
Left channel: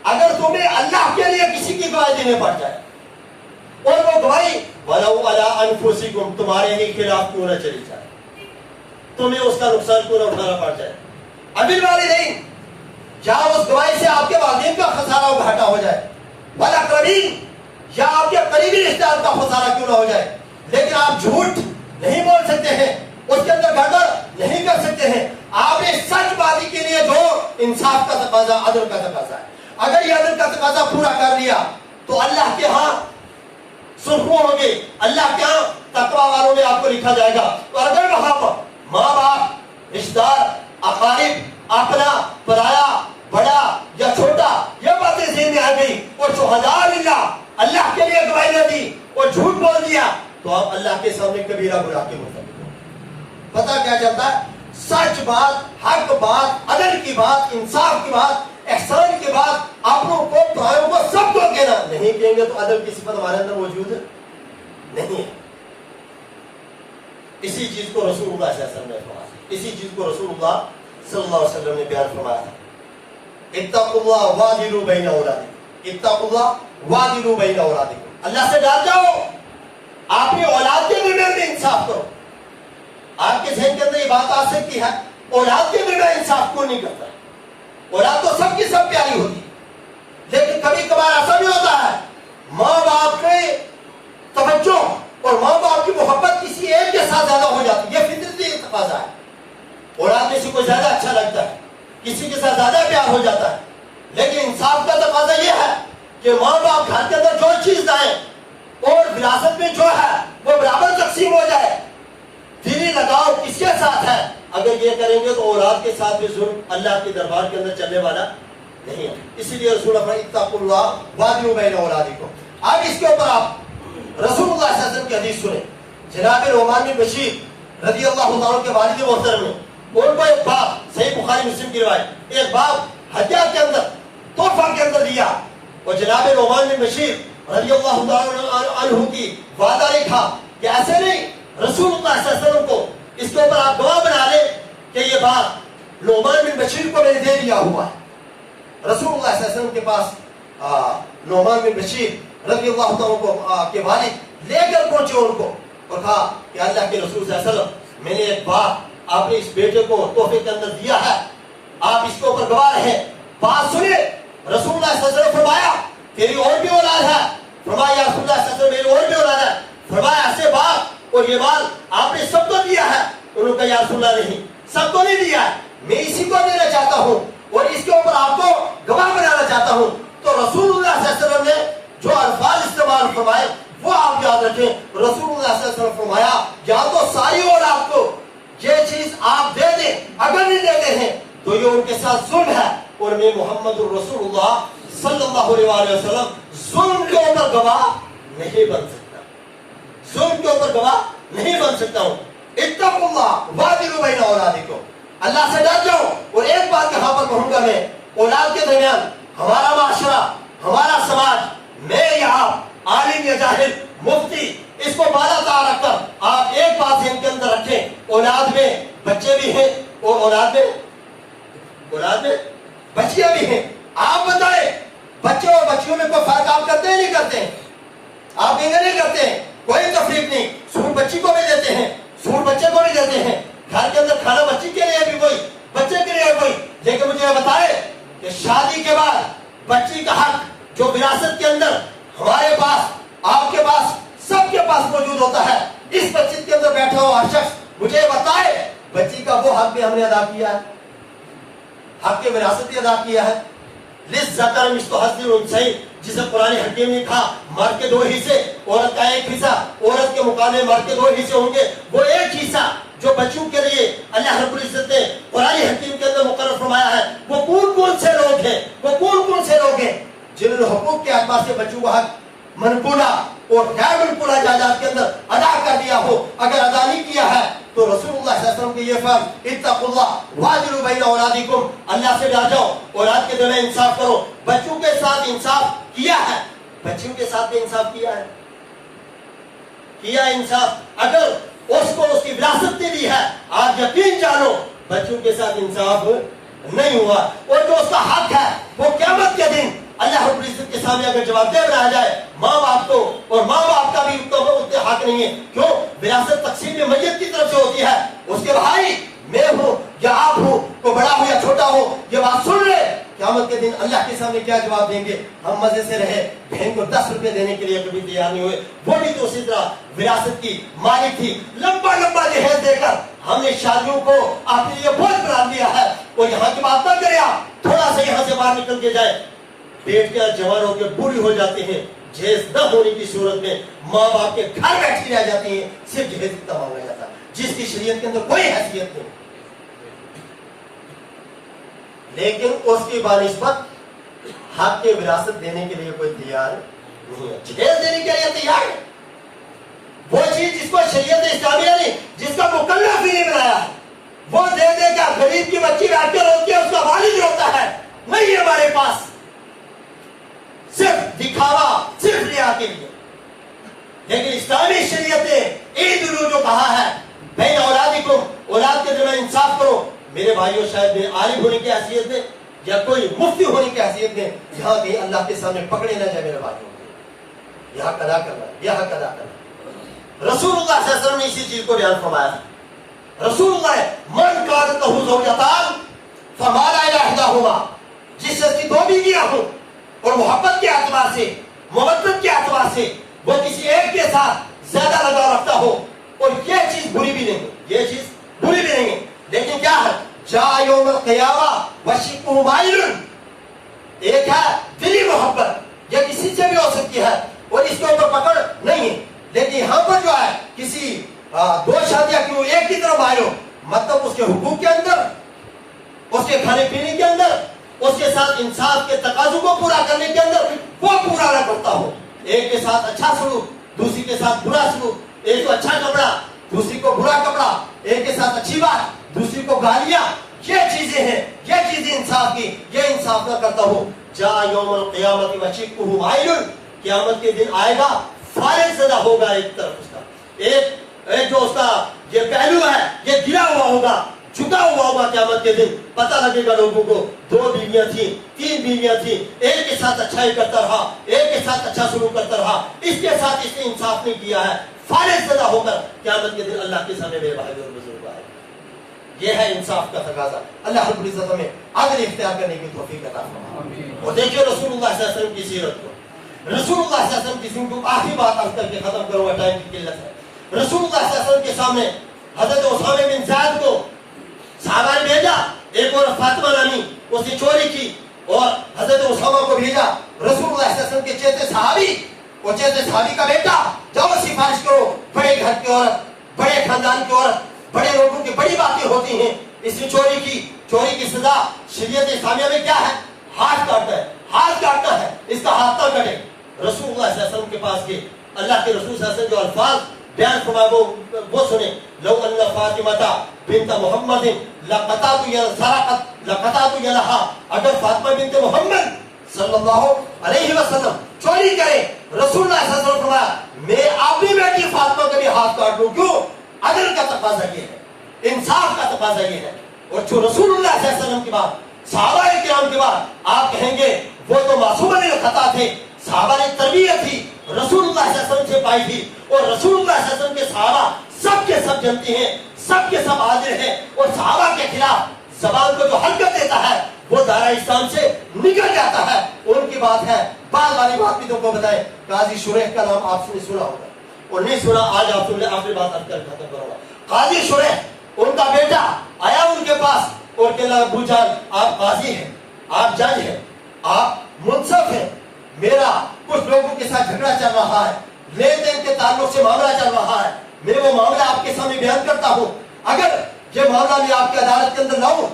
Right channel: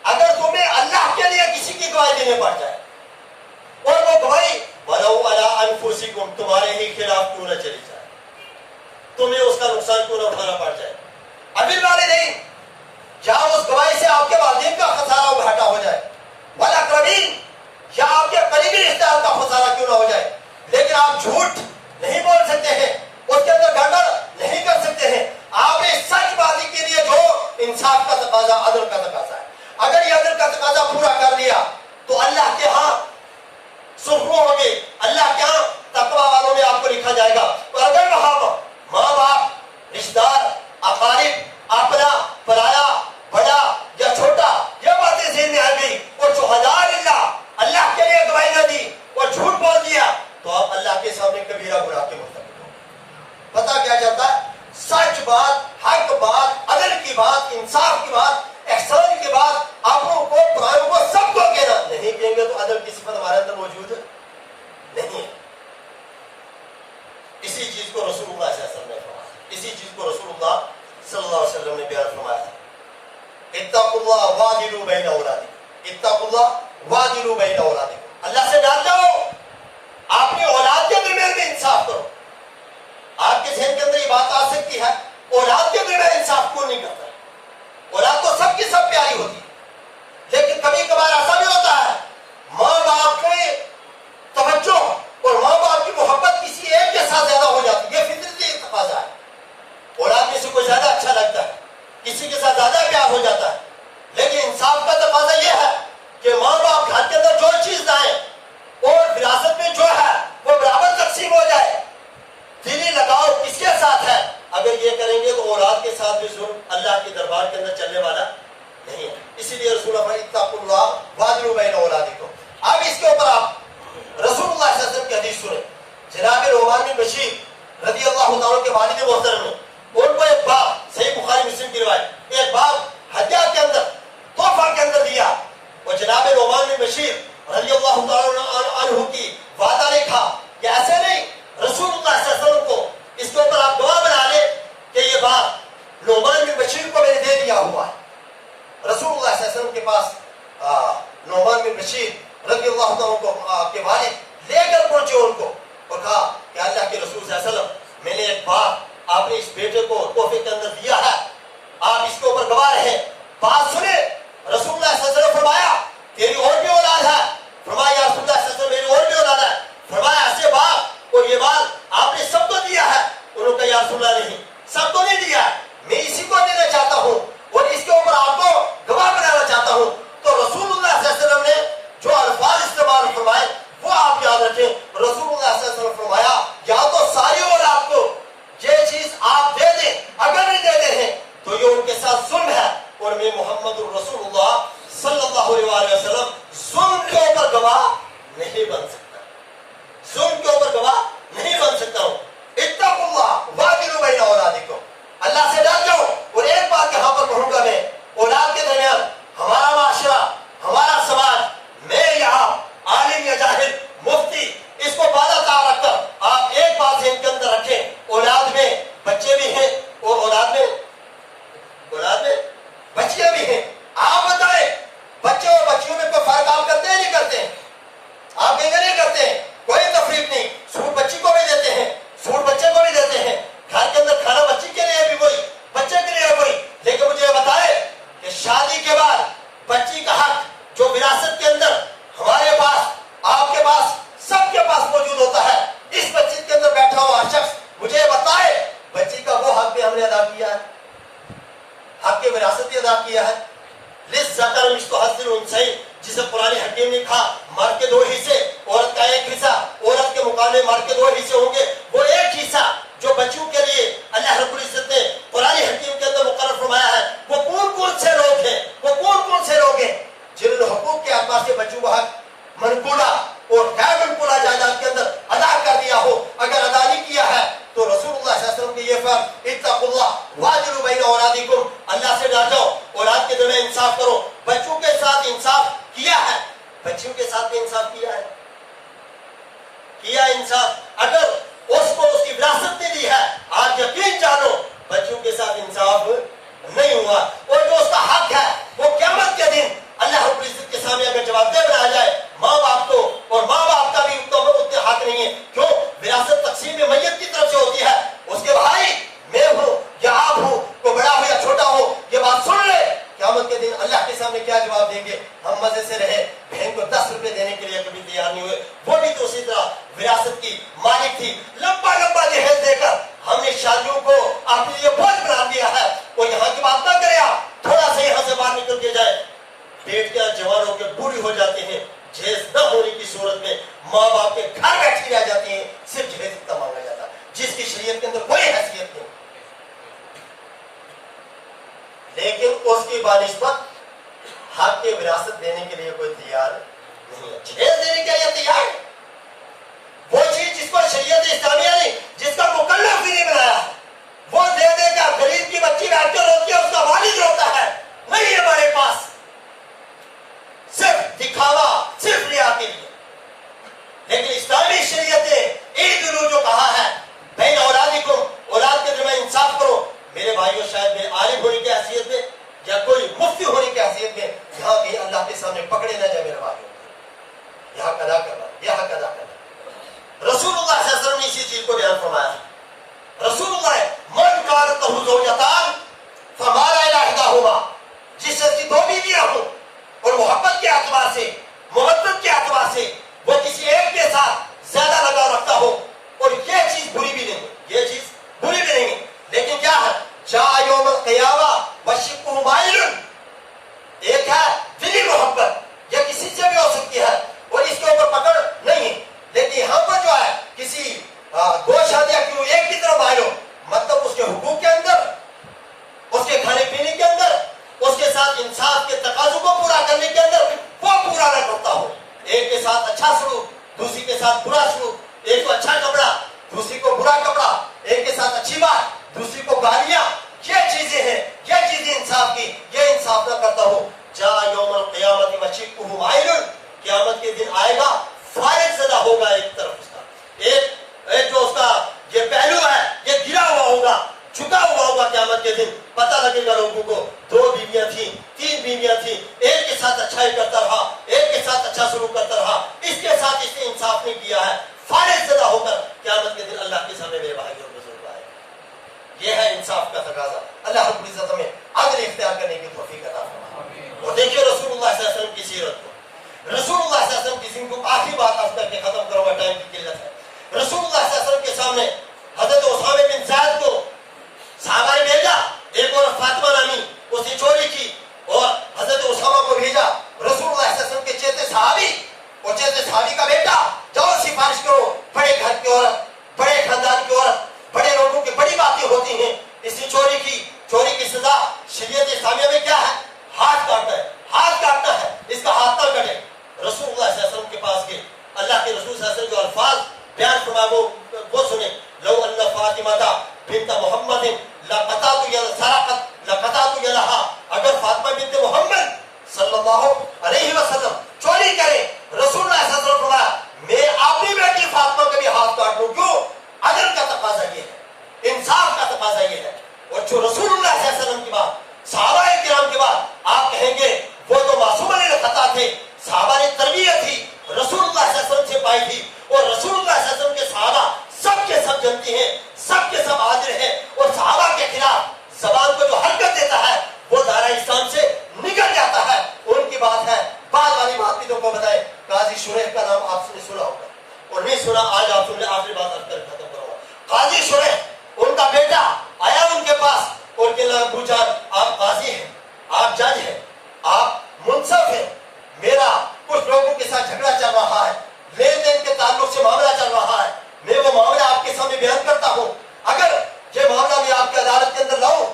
अगर तुम्हें अल्लाह के लिए किसी की गवाही देने पड़ जाए और वो गवाही वलौ अला अनफुसिकुम, तुम्हारे ही खिलाफ क्यों न चली जाए, तुम्हें उसका नुकसान क्यों न उठाना पड़ जाए, अबिल वालिदैन, जहां उस गवाही से आपके वालिदैन का खसारा घाटा हो जाए, वल अक़रबीन, या आपके करीबी रिश्तेदार का खसारा क्यों ना हो जाए, लेकिन आप झूठ नहीं बोल सकते हैं, उसके अंदर गड़बड़ नहीं कर सकते हैं। आपने सचबाजी के लिए जो इंसाफ का तकाजा, अदल का तकाजा है, अगर ये अदल का तकाजा पूरा कर लिया तो अल्लाह के यहाँ सुरखुआ होगी, अल्लाह के यहाँ तकवा वालों में आपको लिखा जाएगा। और अगर वहां पर माँ बाप, रिश्तेदार, अकारिब, अपना, पराया, बड़ा या छोटा, यह बातें ज़हन में आ गई और शुहदाअ लिल्लाह, अल्लाह के लिए गवाही न दी और झूठ बोल दिया तो आप अल्लाह के सामने कबीरा गुनाह के मुर्तकिब हो। पता क्या चलता है, सच बात, हक बात, अदल की बात, इंसाफ की बात, एहसान की बात, अपनों को, परायों को, सबको कहना। नहीं कहेंगे तो अदल की सिफत हमारे अंदर मौजूद नहीं है। इसी चीज को रसूलुल्लाह सल्लल्लाहु अलैहि वसल्लम ने फरमाया, इसी चीज को रसूलुल्लाह सल्लल्लाहु अलैहि वसल्लम ने बयान फरमाया, इत्तक़ुल्लाह वादिलू बैन औलादिकुम, इत्तक़ुल्लाह वादिलू बैन औलादिकुम, अल्लाह से डर जाओ, अपनी औलाद के दरमियान में इंसाफ करो। आपके ज़हन के अंदर ये बात आ सकती है, औलाद के दरमियान इंसाफ क्यों नहीं करता? औलाद तो सबकी सब प्यारी होती है, लेकिन कभी कभार ऐसा भी होता है माँ बाप के तवज्जो और माँ बाप की मोहब्बत किसी एक के साथ ज्यादा हो जाती है, ये फितरती तकाज़ा है। औलाद में से कोई ज्यादा अच्छा लगता है, किसी के साथ ज्यादा प्यार हो जाता है, लेकिन इंसाफ का तकाज़ा ये है कि माँ बाप घर के अंदर जो चीज लाए और विरासत में जो है वो बराबर तकसीम हो जाए। दिली लगाव किसके साथ है? अगर ये करेंगे तो औलाद के साथ भी जुल्म अल्लाह के दरबार के अंदर चलने वाला नहीं है। इसीलिए रसूल इत्तक़ुल्लाह वादिलू बैन औलादिकुम। अब इसके ऊपर आप रसूलुल्लाह सल्लल्लाहु अलैहि वसल्लम की हदीस सुने। जनाब नुमान बिन बशीर रज़ियल्लाहु ताला के वालिद मोहतरम ने उनको एक बाप, सही बुखारी मुस्लिम की रिवायत, एक बाप हदिया के अंदर, तोहफा के अंदर दिया और जनाब नुमान बिन बशीर रज़ियल्लाहु ताला अन्हु की वादा लिखा कि ऐसे नहीं रसूलुल्लाह सल्लल्लाहु अलैहि वसल्लम को इसके ऊपर आप गवाह बना लें कि ये बात नोमान बिन बशीर को मैंने दे दिया हुआ है। रसूलुल्लाह सल्लल्लाहु अलैहि वसल्लम के पास नोमान बिन बशीर रज़ियल्लाहु अन्हु के वालिद लेकर पहुंचे उनको और कहा कि अल्लाह के रसूल सल्लल्लाहु अलैहि वसल्लम, मैंने एक बात आपने इस बेटे को तोहफे के अंदर दिया है, आप इसके ऊपर गवाह रहे। बात सुने। रसूलुल्लाह सल्लल्लाहु अलैहि वसल्लम फरमाया तेरी और भी औलाद है। फरमाया रसूलुल्लाह सल्लल्लाहु अलैहि वसल्लम मेरी और भी औलाद है। फरमाया ऐसे बात और ये माल आपने सबको दिया है? उन्होंने कहा या रसूलुल्लाह नहीं, सबको नहीं दिया है, मैं इसी को देना चाहता हूँ और इसके ऊपर आपको गवाह बनाना चाहता हूँ। तो रसूलुल्लाह सल्लल्लाहु अलैहि वसल्लम ने जो अल्फाज इस्तेमाल फरमाए वो आप याद रखें। रसूलुल्लाह सल्लल्लाहु अलैहि वसल्लम फरमाया या तो सारी औलाद को ये चीज आप दे दें, अगर नहीं देते हैं तो ये उनके साथ जुल्म है और मैं मोहम्मद रसूलुल्लाह सल्लल्लाहु अलैहि वसल्लम जुल्म के ऊपर गवाह नहीं बन सकता, जुल्म के ऊपर गवाह नहीं बन सकता हूँ। इत्तकुल्लाह वादिलू बैना औलादिकुम, अल्लाह से डर जाओ। और एक बात यहाँ पर कहूंगा मैं, औलाद के दरमियान हमारा माशरा, हमारा समाज, मैं यहाँ आलिम या जाहिल मुफ्ती, इसको बाला रखकर आप एक बात ज़हन के अंदर रखें, औलाद में बच्चे भी हैं और औलाद में बच्चियां भी हैं। आप बताएं बच्चे और बच्चियों में कोई फर्क आप करते हैं नहीं करते हैं? आप इंगे नहीं करते हैं, कोई तफरीक नहीं। सूट बच्ची को भी देते हैं, सूट बच्चे को भी देते हैं, घर के अंदर खाना बच्ची के लिए भी वही, बच्चे के लिए वही। लेकिन मुझे बताए कि शादी के बाद बच्ची का हक जो विरासत के अंदर हमारे पास, आपके पास, सबके पास मौजूद होता है, इस मस्जिद के अंदर बैठा हुआ शख्स मुझे बताए बच्ची का वो हक भी हमने अदा किया है, हक के विरासत भी अदा किया है। लिज़्ज़कर मिस्लु हज़्ज़िल उन्सयैन, जिसे कुरान हकीम ने कहा मर्द के दो हिस्से, औरत का एक हिस्सा, औरत के मुकाबले मर्द के दो हिस्से होंगे, वो एक हिस्सा जो बच्चों के लिए अल्लाह रब्बुल इज्जत ने कुरान हकीम के अंदर मुकर्रर फरमाया है, वो कौन कौन से लोग हैं, वो कौन कौन से लोग हैं जिन्होंने हुकूक के एतबार से बच्चों का हक मनकूला और गैर मनकूला जायदाद के अंदर अदा कर दिया हो। अगर अदा नहीं किया है तो रसूलुल्लाह सल्लल्लाहु अलैहि वसल्लम के ये फर्म इत्तकुल्लाह वादिलू बैना औलादिकुम, अल्लाह से डर जाओ, औलाद के दरमियान इंसाफ करो। बच्चों के साथ इंसाफ किया है, बच्चियों के साथ भी इंसाफ किया है, किया इंसाफ। अगर उसको उसकी विरासत नहीं दी है, आज यकीन जानो बच्चों के साथ इंसाफ नहीं हुआ। और जो उसका हक है वो क़यामत के दिन अल्लाह रब्बुल इज्जत के सामने अगर जवाबदेह बनाया जाए माँ बाप को, और माँ बाप का भी उतने हक नहीं है। क्यों? विरासत तकसीम में मैयत की तरफ से होती है, उसके भाई मैं हूँ या आप हूँ, कोई बड़ा हो या छोटा हो, ये बात सुन ले। क़यामत के दिन अल्लाह के सामने क्या जवाब देंगे? हम मजे से रहे, बहन को 10 रुपए देने के लिए कभी तैयार नहीं हुए, वो भी तो उसी तरह विरासत की मालिक थी। लंबा लंबा जहेज देकर हमने शादियों को अपने लिए बोझ बना दिया है। और यहाँ की बात न करें आप, थोड़ा सा यहाँ से बाहर निकल के जाए, बेटियां जवान होकर बूढ़ी हो जाती हैं, जहेज न होने की सूरत में माँ बाप के घर बैठी रह जाती हैं, सिर्फ जहेज इतना मांगा जाता है जिसकी शरीयत के अंदर कोई हैसियत नहीं। लेकिन उसकी बानिस्बत हक के विरासत देने के लिए कोई तैयार नहीं है, जहेज देने के लिए तैयार है। वो चीज जिसको शरीयत इस्लामिया ने, जिसका मुकल्लफ भी नहीं बनाया, वो दे देगा। गरीब की बच्ची बैठ कर रोती है, उसका वालिद रोता है, नहीं है हमारे पास, सिर्फ दिखावा, सिर्फ रिया के लिए। लेकिन इस्लामी शरीयत ने ईदुल जो कहा है, बैन औलादिकुम, औलाद के दरमियान इंसाफ करो। मेरे भाइयों, शायद मैं आलिम होने की हैसियत में या कोई मुफ्ती होने की हैसियत में यहाँ कहीं अल्लाह के सामने पकड़े न जाए मेरे भाइयों, यहाँ अदा करना, यहाँ अदा करना। रसूलुल्लाह सल्लल्लाहु अलैहि वसल्लम ने इसी चीज को बयान फरमाया। रसूलुल्लाह मन कानत लहू ज़ौजतान फमाला इला इहदाहुमा, जिस शख्स की दो बीवियां हों और मोहब्बत के एतबार से, मुवद्दत के एतबार से वो किसी एक के साथ ज्यादा लगाव रखता हो, और ये चीज बुरी भी नहीं है, ये चीज बुरी भी नहीं है। लेकिन क्या है, जा यौम क़ियामा वशिक़्क़ुहु माइलुन, एक है दिली मोहब्बत, ये किसी से भी हो सकती है और इसके ऊपर पकड़ नहीं है। लेकिन यहाँ पर जो है किसी दो शादियां क्यों एक की तरफ आए हो, मतलब उसके हुकूक के अंदर, उसके खाने पीने के अंदर, उसके साथ इंसाफ के तकाज़ों को पूरा करने के अंदर वो पूरा न करता हो। एक के साथ अच्छा सलूक, दूसरी के साथ बुरा सलूक, एक को अच्छा कपड़ा, दूसरी को बुरा कपड़ा, एक के साथ अच्छी बात, दूसरी को गालियां, ये चीजें हैं, ये चीजें इंसाफ की, ये इंसाफ न करता हो। जा यौमुल क़ियामति वशिक़्क़ुहु माइलुन, क़यामत के दिन आएगा फारिग ज़दा होगा एक तरफ उसका, एक जो उसका होगा क़यामत के दिन, पता लगेगा लोगों को 2 बीवियां थी, 3 बीवियां थी, एक के साथ अच्छाई करता रहा, एक के साथ अच्छा शुरू करता रहा, इसके साथ इसने इंसाफ नहीं किया है, फारिग ज़दा होकर क़यामत के दिन अल्लाह के सामने मेरे भाई और बुजुर्ग आए। ये है इंसाफ का तकाजा। अल्लाह रब्बुल इज़्ज़त हमें अदल इख्तियार करने की तौफीक अता फरमाए। और देखिए रसूलुल्लाह सल्लल्लाहु अलैहि वसल्लम की सीरत को, रसूलुल्लाह सल्लल्लाहु अलैहि वसल्लम की जिंदगी को आखिरी बात अर्ज करके खत्म करूंगा, टाइम की किल्लत है। रसूलुल्लाह सल्लल्लाहु अलैहि वसल्लम के सामने हजरत उसामा बिन ज़ैद को सहाबा ने भेजा, एक और फातिमा नामी उसने चोरी की और हजरत उसामा को भेजा। रसूलुल्लाह सल्लल्लाहु अलैहि वसल्लम के चेते सहाबी और चेते सहाबी का बेटा, जाओ सिफारिश करो, बड़े घर की औरत, बड़े खानदान की औरत, बड़े लोगों की बड़ी बातें होती हैं, इसने चोरी की, चोरी की सजा शरीयत इस्लामिया में क्या है? हाथ काटना है, हाथ काटना है, इसका हाथ ना कटे। रसूलुल्लाह सल्लल्लाहु अलैहि वसल्लम के पास गए, अल्लाह के रसूल सल्लल्लाहु अलैहि वसल्लम जो अल्फाज बयान फरमाए वो सुने, लौ अन्ना फातिमाता बिन्त मुहम्मदिन लक़तातु यदहा, अगर फातिमा बिन्त मुहम्मद सल्लल्लाहु अलैहि वसल्लम चोरी करे, रसूलुल्लाह सल्लल्लाहु अलैहि वसल्लम फरमाया मैं अपनी बेटी फातिमा का भी हाथ काट दूं। क्यों? अदल का तकाजा ये है, इंसाफ का तकाजा ये है। और जो रसूलुल्लाह सल्लल्लाहु अलैहि वसल्लम के बाद सहाबाए किराम के बाद आप कहेंगे वो तो मासूमन खता थे, सहाबा ने तरबियत थी, रसूलुल्लाह सल्लल्लाहु अलैहि वसल्लम से पाई थी, और रसूलुल्लाह सल्लल्लाहु अलैहि वसल्लम के सहाबा सब के सब जनती हैं, सब के सब हाजिर हैं, और सहाबा के खिलाफ जबान को जो हरकत देता है वो दायरा इस्लाम से निकल जाता है। उनकी बात है, बात वाली बात भी तुमको बताए, काजी शुरैह का नाम आपने सुना होगा और नहीं सुना, आज आप सुन ले, आखिरी बात अब कर खत्म करूंगा। काजी शुरैह, उनका बेटा आया उनके पास और कहने अबू जान आप काजी हैं, आप जज हैं, आप मुंसफ हैं, मेरा कुछ लोगों के साथ झगड़ा चल रहा है, लेन देन के ताल्लुक से मामला चल रहा है, मैं वो मामला आपके सामने बयान करता हूँ, अगर ये मामला मैं आपकी अदालत के अंदर लाऊं,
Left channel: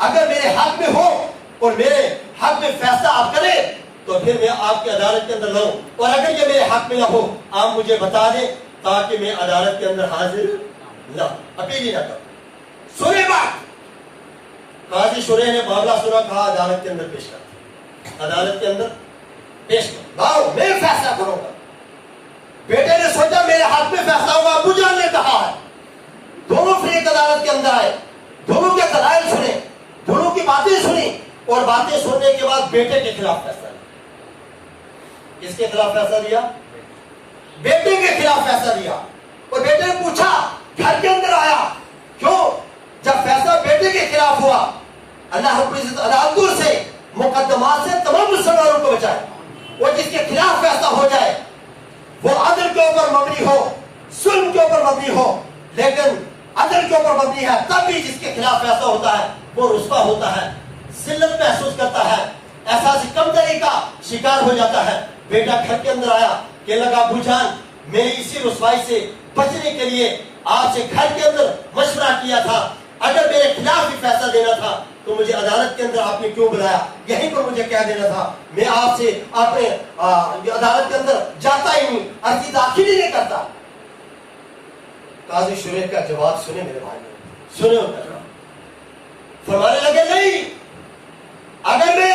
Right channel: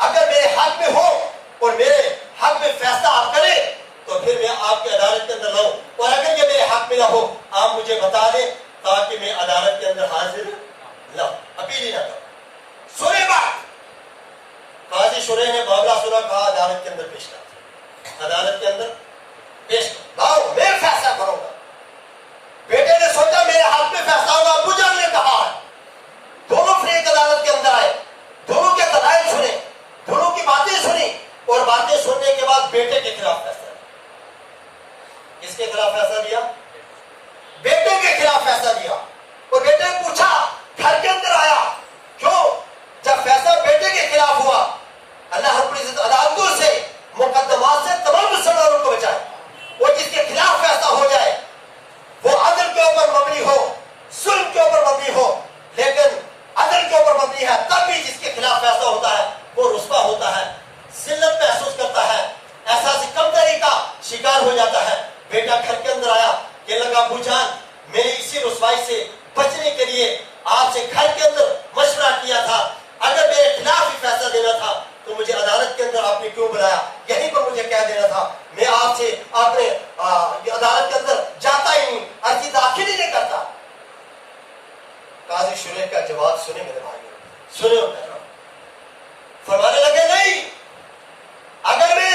अगर मेरे हक में हो और मेरे हक में फैसला आप करें तो फिर मैं आपकी अदालत के अंदर लाऊं, और अगर ये मेरे हक में ना हो आप मुझे बता दें ताकि मैं अदालत के अंदर हाजिर ना, अपील ही ना करूं। सुनिए बात, काजी शुरैह ने मामला सुना, कहा अदालत के अंदर पेश कर, अदालत के अंदर पेश कर, लाओ मैं फैसला करूंगा। बेटे ने सोचा मेरे हाथ में फैसला होगा, अबू जान ने कहा है, दोनों फिर एक अदालत के अंदर आए, दोनों के दलाइल सुने, दोनों की बातें सुनी, और बातें सुनने के बाद बेटे के खिलाफ फैसला लिया। किसके खिलाफ फैसला लिया? बेटे के खिलाफ फैसला लिया। और बेटे ने पूछा, घर के अंदर आया, क्यों? जब फैसला बेटे के खिलाफ हुआ, अल्लाह रब्बुल इज्जत अदालतों से, मुकद्दमात से तमाम मुसलमानों को बचाए, और जिसके खिलाफ फैसला हो जाए वो अदल के ऊपर मबनी हो, जुल्म के ऊपर मबनी हो, लेकिन अदल के ऊपर मबनी है, तब भी जिसके खिलाफ फैसला होता है वो रुस्वा होता है, जिल्लत महसूस करता है, एहसास कमतरी का शिकार हो जाता है। बेटा घर के अंदर आया, कहने लगा अबू जान मैंने इसी रुस्वाई से बचने के लिए आपसे घर के अंदर मशवरा किया था, अगर मेरे खिलाफ ही फैसला देना था तो मुझे अदालत के अंदर आपने क्यों बुलाया, यहीं पर मुझे कह देना था, मैं आपसे अपने अदालत के अंदर जाता ही नहीं, अर्जी दाखिल ही नहीं करता। काजी शुरैह का जवाब सुने मेरे भाई, सुने उनका जवाब, फरमाने लगे नहीं, अगर मैं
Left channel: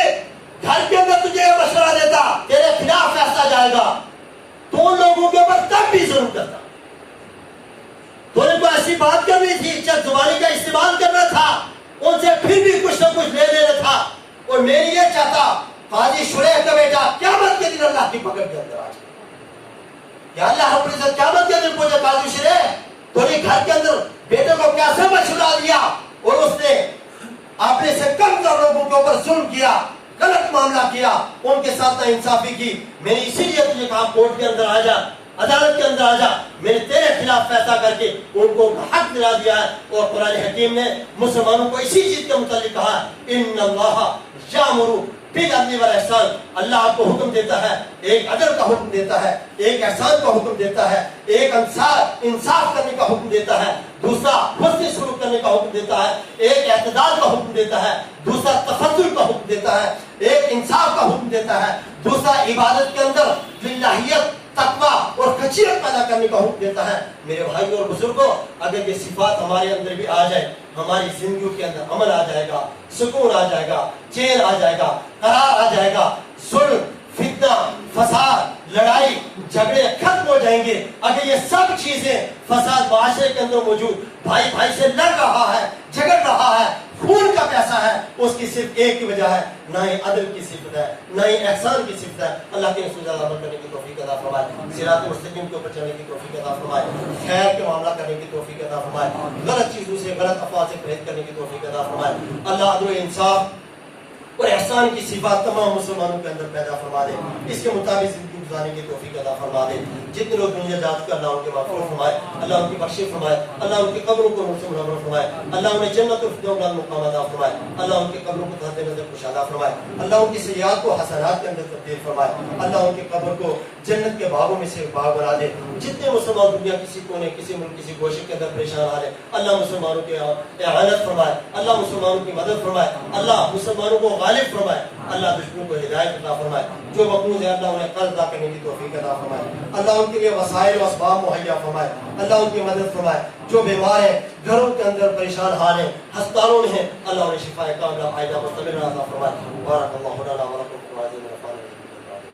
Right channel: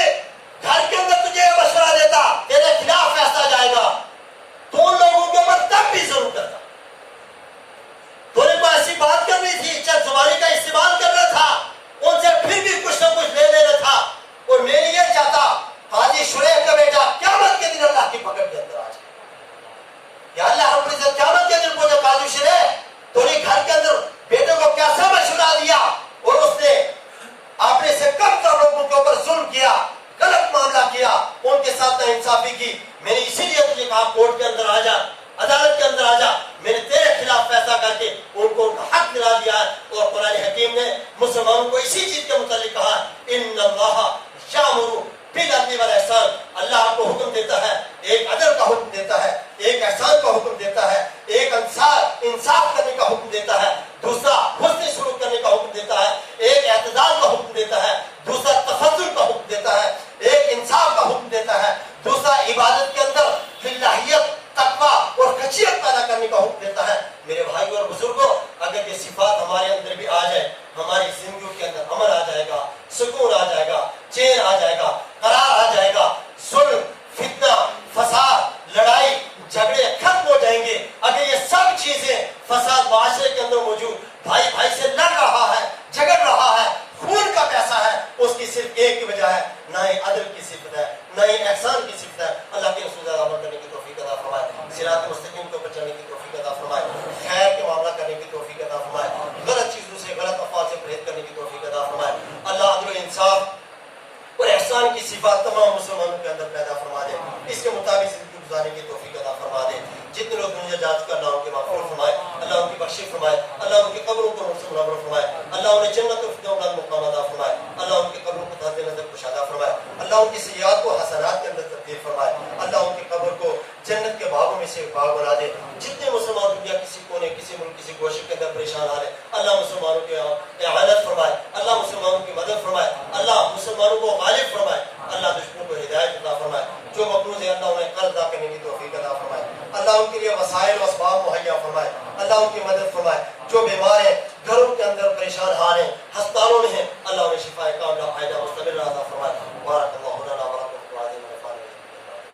घर के अंदर तुझे मशवरा देता तेरे खिलाफ फैसला जाएगा तो उन लोगों के ऊपर तब भी जुल्म करता, तूने को ऐसी बात करनी थी, चल जुबानी का इस्तेमाल करना था, उनसे फिर भी कुछ ना कुछ ले लेना था, और मैं ये चाहता काजी शुरैह का बेटा क़यामत के दिन अल्लाह की पकड़ के अंदर आ जाए। या अल्लाह रब्बुल इज्जत क़यामत के दिन पूछे काजी शुरैह तूने घर के अंदर बेटे को कैसे मशवरा दिया और उसने अपने से कम तर लोगों के ऊपर जुल्म किया, गलत मामला किया, उनके साथ नाइंसाफी की, मैंने इसीलिए तुझे कहा कोर्ट के अंदर आ जा, अदालत के अंदर आ जा, मैंने तेरे खिलाफ फैसला करके उनको हक दिला दिया है। और कुरान हकीम ने मुसलमानों को इसी चीज के मुतालिक कहा, इन्नल्लाह यामुरु बिल अदल वल ihsan, अल्लाह आपको हुक्म देता है, एक अदल का हुक्म देता है, एक एहसान का हुक्म देता है, एक इंसाफ करने का हुक्म देता है, दूसरा हुस्न सुलूक करने का हुक्म देता है, एक एतदाल का हुक्म देता है, दूसरा तफज्जुल का हुक्म देता है, एक इंसाफ का हुक्म देता है, दूसरा इबादत के अंदर लिल्लाहियत, तकवा और खशियत पैदा करने का हुक्म देता है। मेरे भाई और बुजुर्गों, अगर ये सिफात हमारे अंदर भी आ जाए, हमारी जिंदगी के अंदर अमन आ जाएगा, सुकून आ जाएगा, चैन आ जाएगा, करार आ जाएगा, जुल्म, फितना, फसाद, लड़ाई झगड़े खत्म हो जाएंगे अगर ये सब चीजें फसाद माशरे के अंदर मौजूद, भाई भाई से लड़ रहा है, झगड़ रहा है, खून का प्यासा है, उसकी सिर्फ एक ही वजह है, ना ही अदल की सिफत है, ना ही एहसान की सिफत है। अल्लाह के रसूल अमल करने की तौफीक अता फरमाए, सिरात मुस्तकीम के ऊपर चलने की तौफीक अता फरमाए, खैर के मामला करने की तौफीक अता फरमाए, गलत चीजों से, गलत अफवाह से परहेज करने की तौफीक अता फरमाए। अल्लाह अदल इंसाफ और एहसान की सिफात तमाम मुसलमानों के अंदर पैदा फरमा दे, इसके मुताबिक जिंदगी गुजारने की तौफीक अता फरमा दे। जितने लोग दुनिया जा चुके अल्लाह उनकी मग़फ़िरत फरमाए, अल्लाह उनकी बख्शिश फरमाए, अल्लाह उनकी कब्रों को नूर से मुनव्वर फरमाए, अल्लाह उन्हें जन्नत और फिरदौस मुकाम अता फरमाए, अल्लाह उनकी कब्रों को तहत नज़र कुशादा फरमाए, अल्लाह उनकी सय्यात को हसनात के अंदर तब्दील फरमाए, अल्लाह उनकी कब्र को जन्नत के बागों में से बाग बना दे। जितने मुसलमान दुनिया किसी कोने, किसी मुल्क, किसी गोशे के अंदर परेशान आ रहे, अल्लाह मुसलमानों की इआनत फरमाए, अल्लाह मुसलमानों की मदद फरमाए, अल्लाह मुसलमानों को गालिब फरमाए, अल्लाह दुश्मनों को हिदायत अता फरमाए, जो मक़रूज़ है अल्लाह उन्हें कर्ज़ अदा करने की तौफीक अता फरमाए, अल्लाह उनके लिए वसाइल और असबाब मुहैया फरमाए, अल्लाह उनकी मदद फरमाए। जो बीमार हैं, घरों के अंदर परेशान हाल हैं, अस्पतालों में हैं, अल्लाह उन्हें शिफाए कामिला फायदा मुस्तमिर अता फरमाए। बारक अल्लाहु लना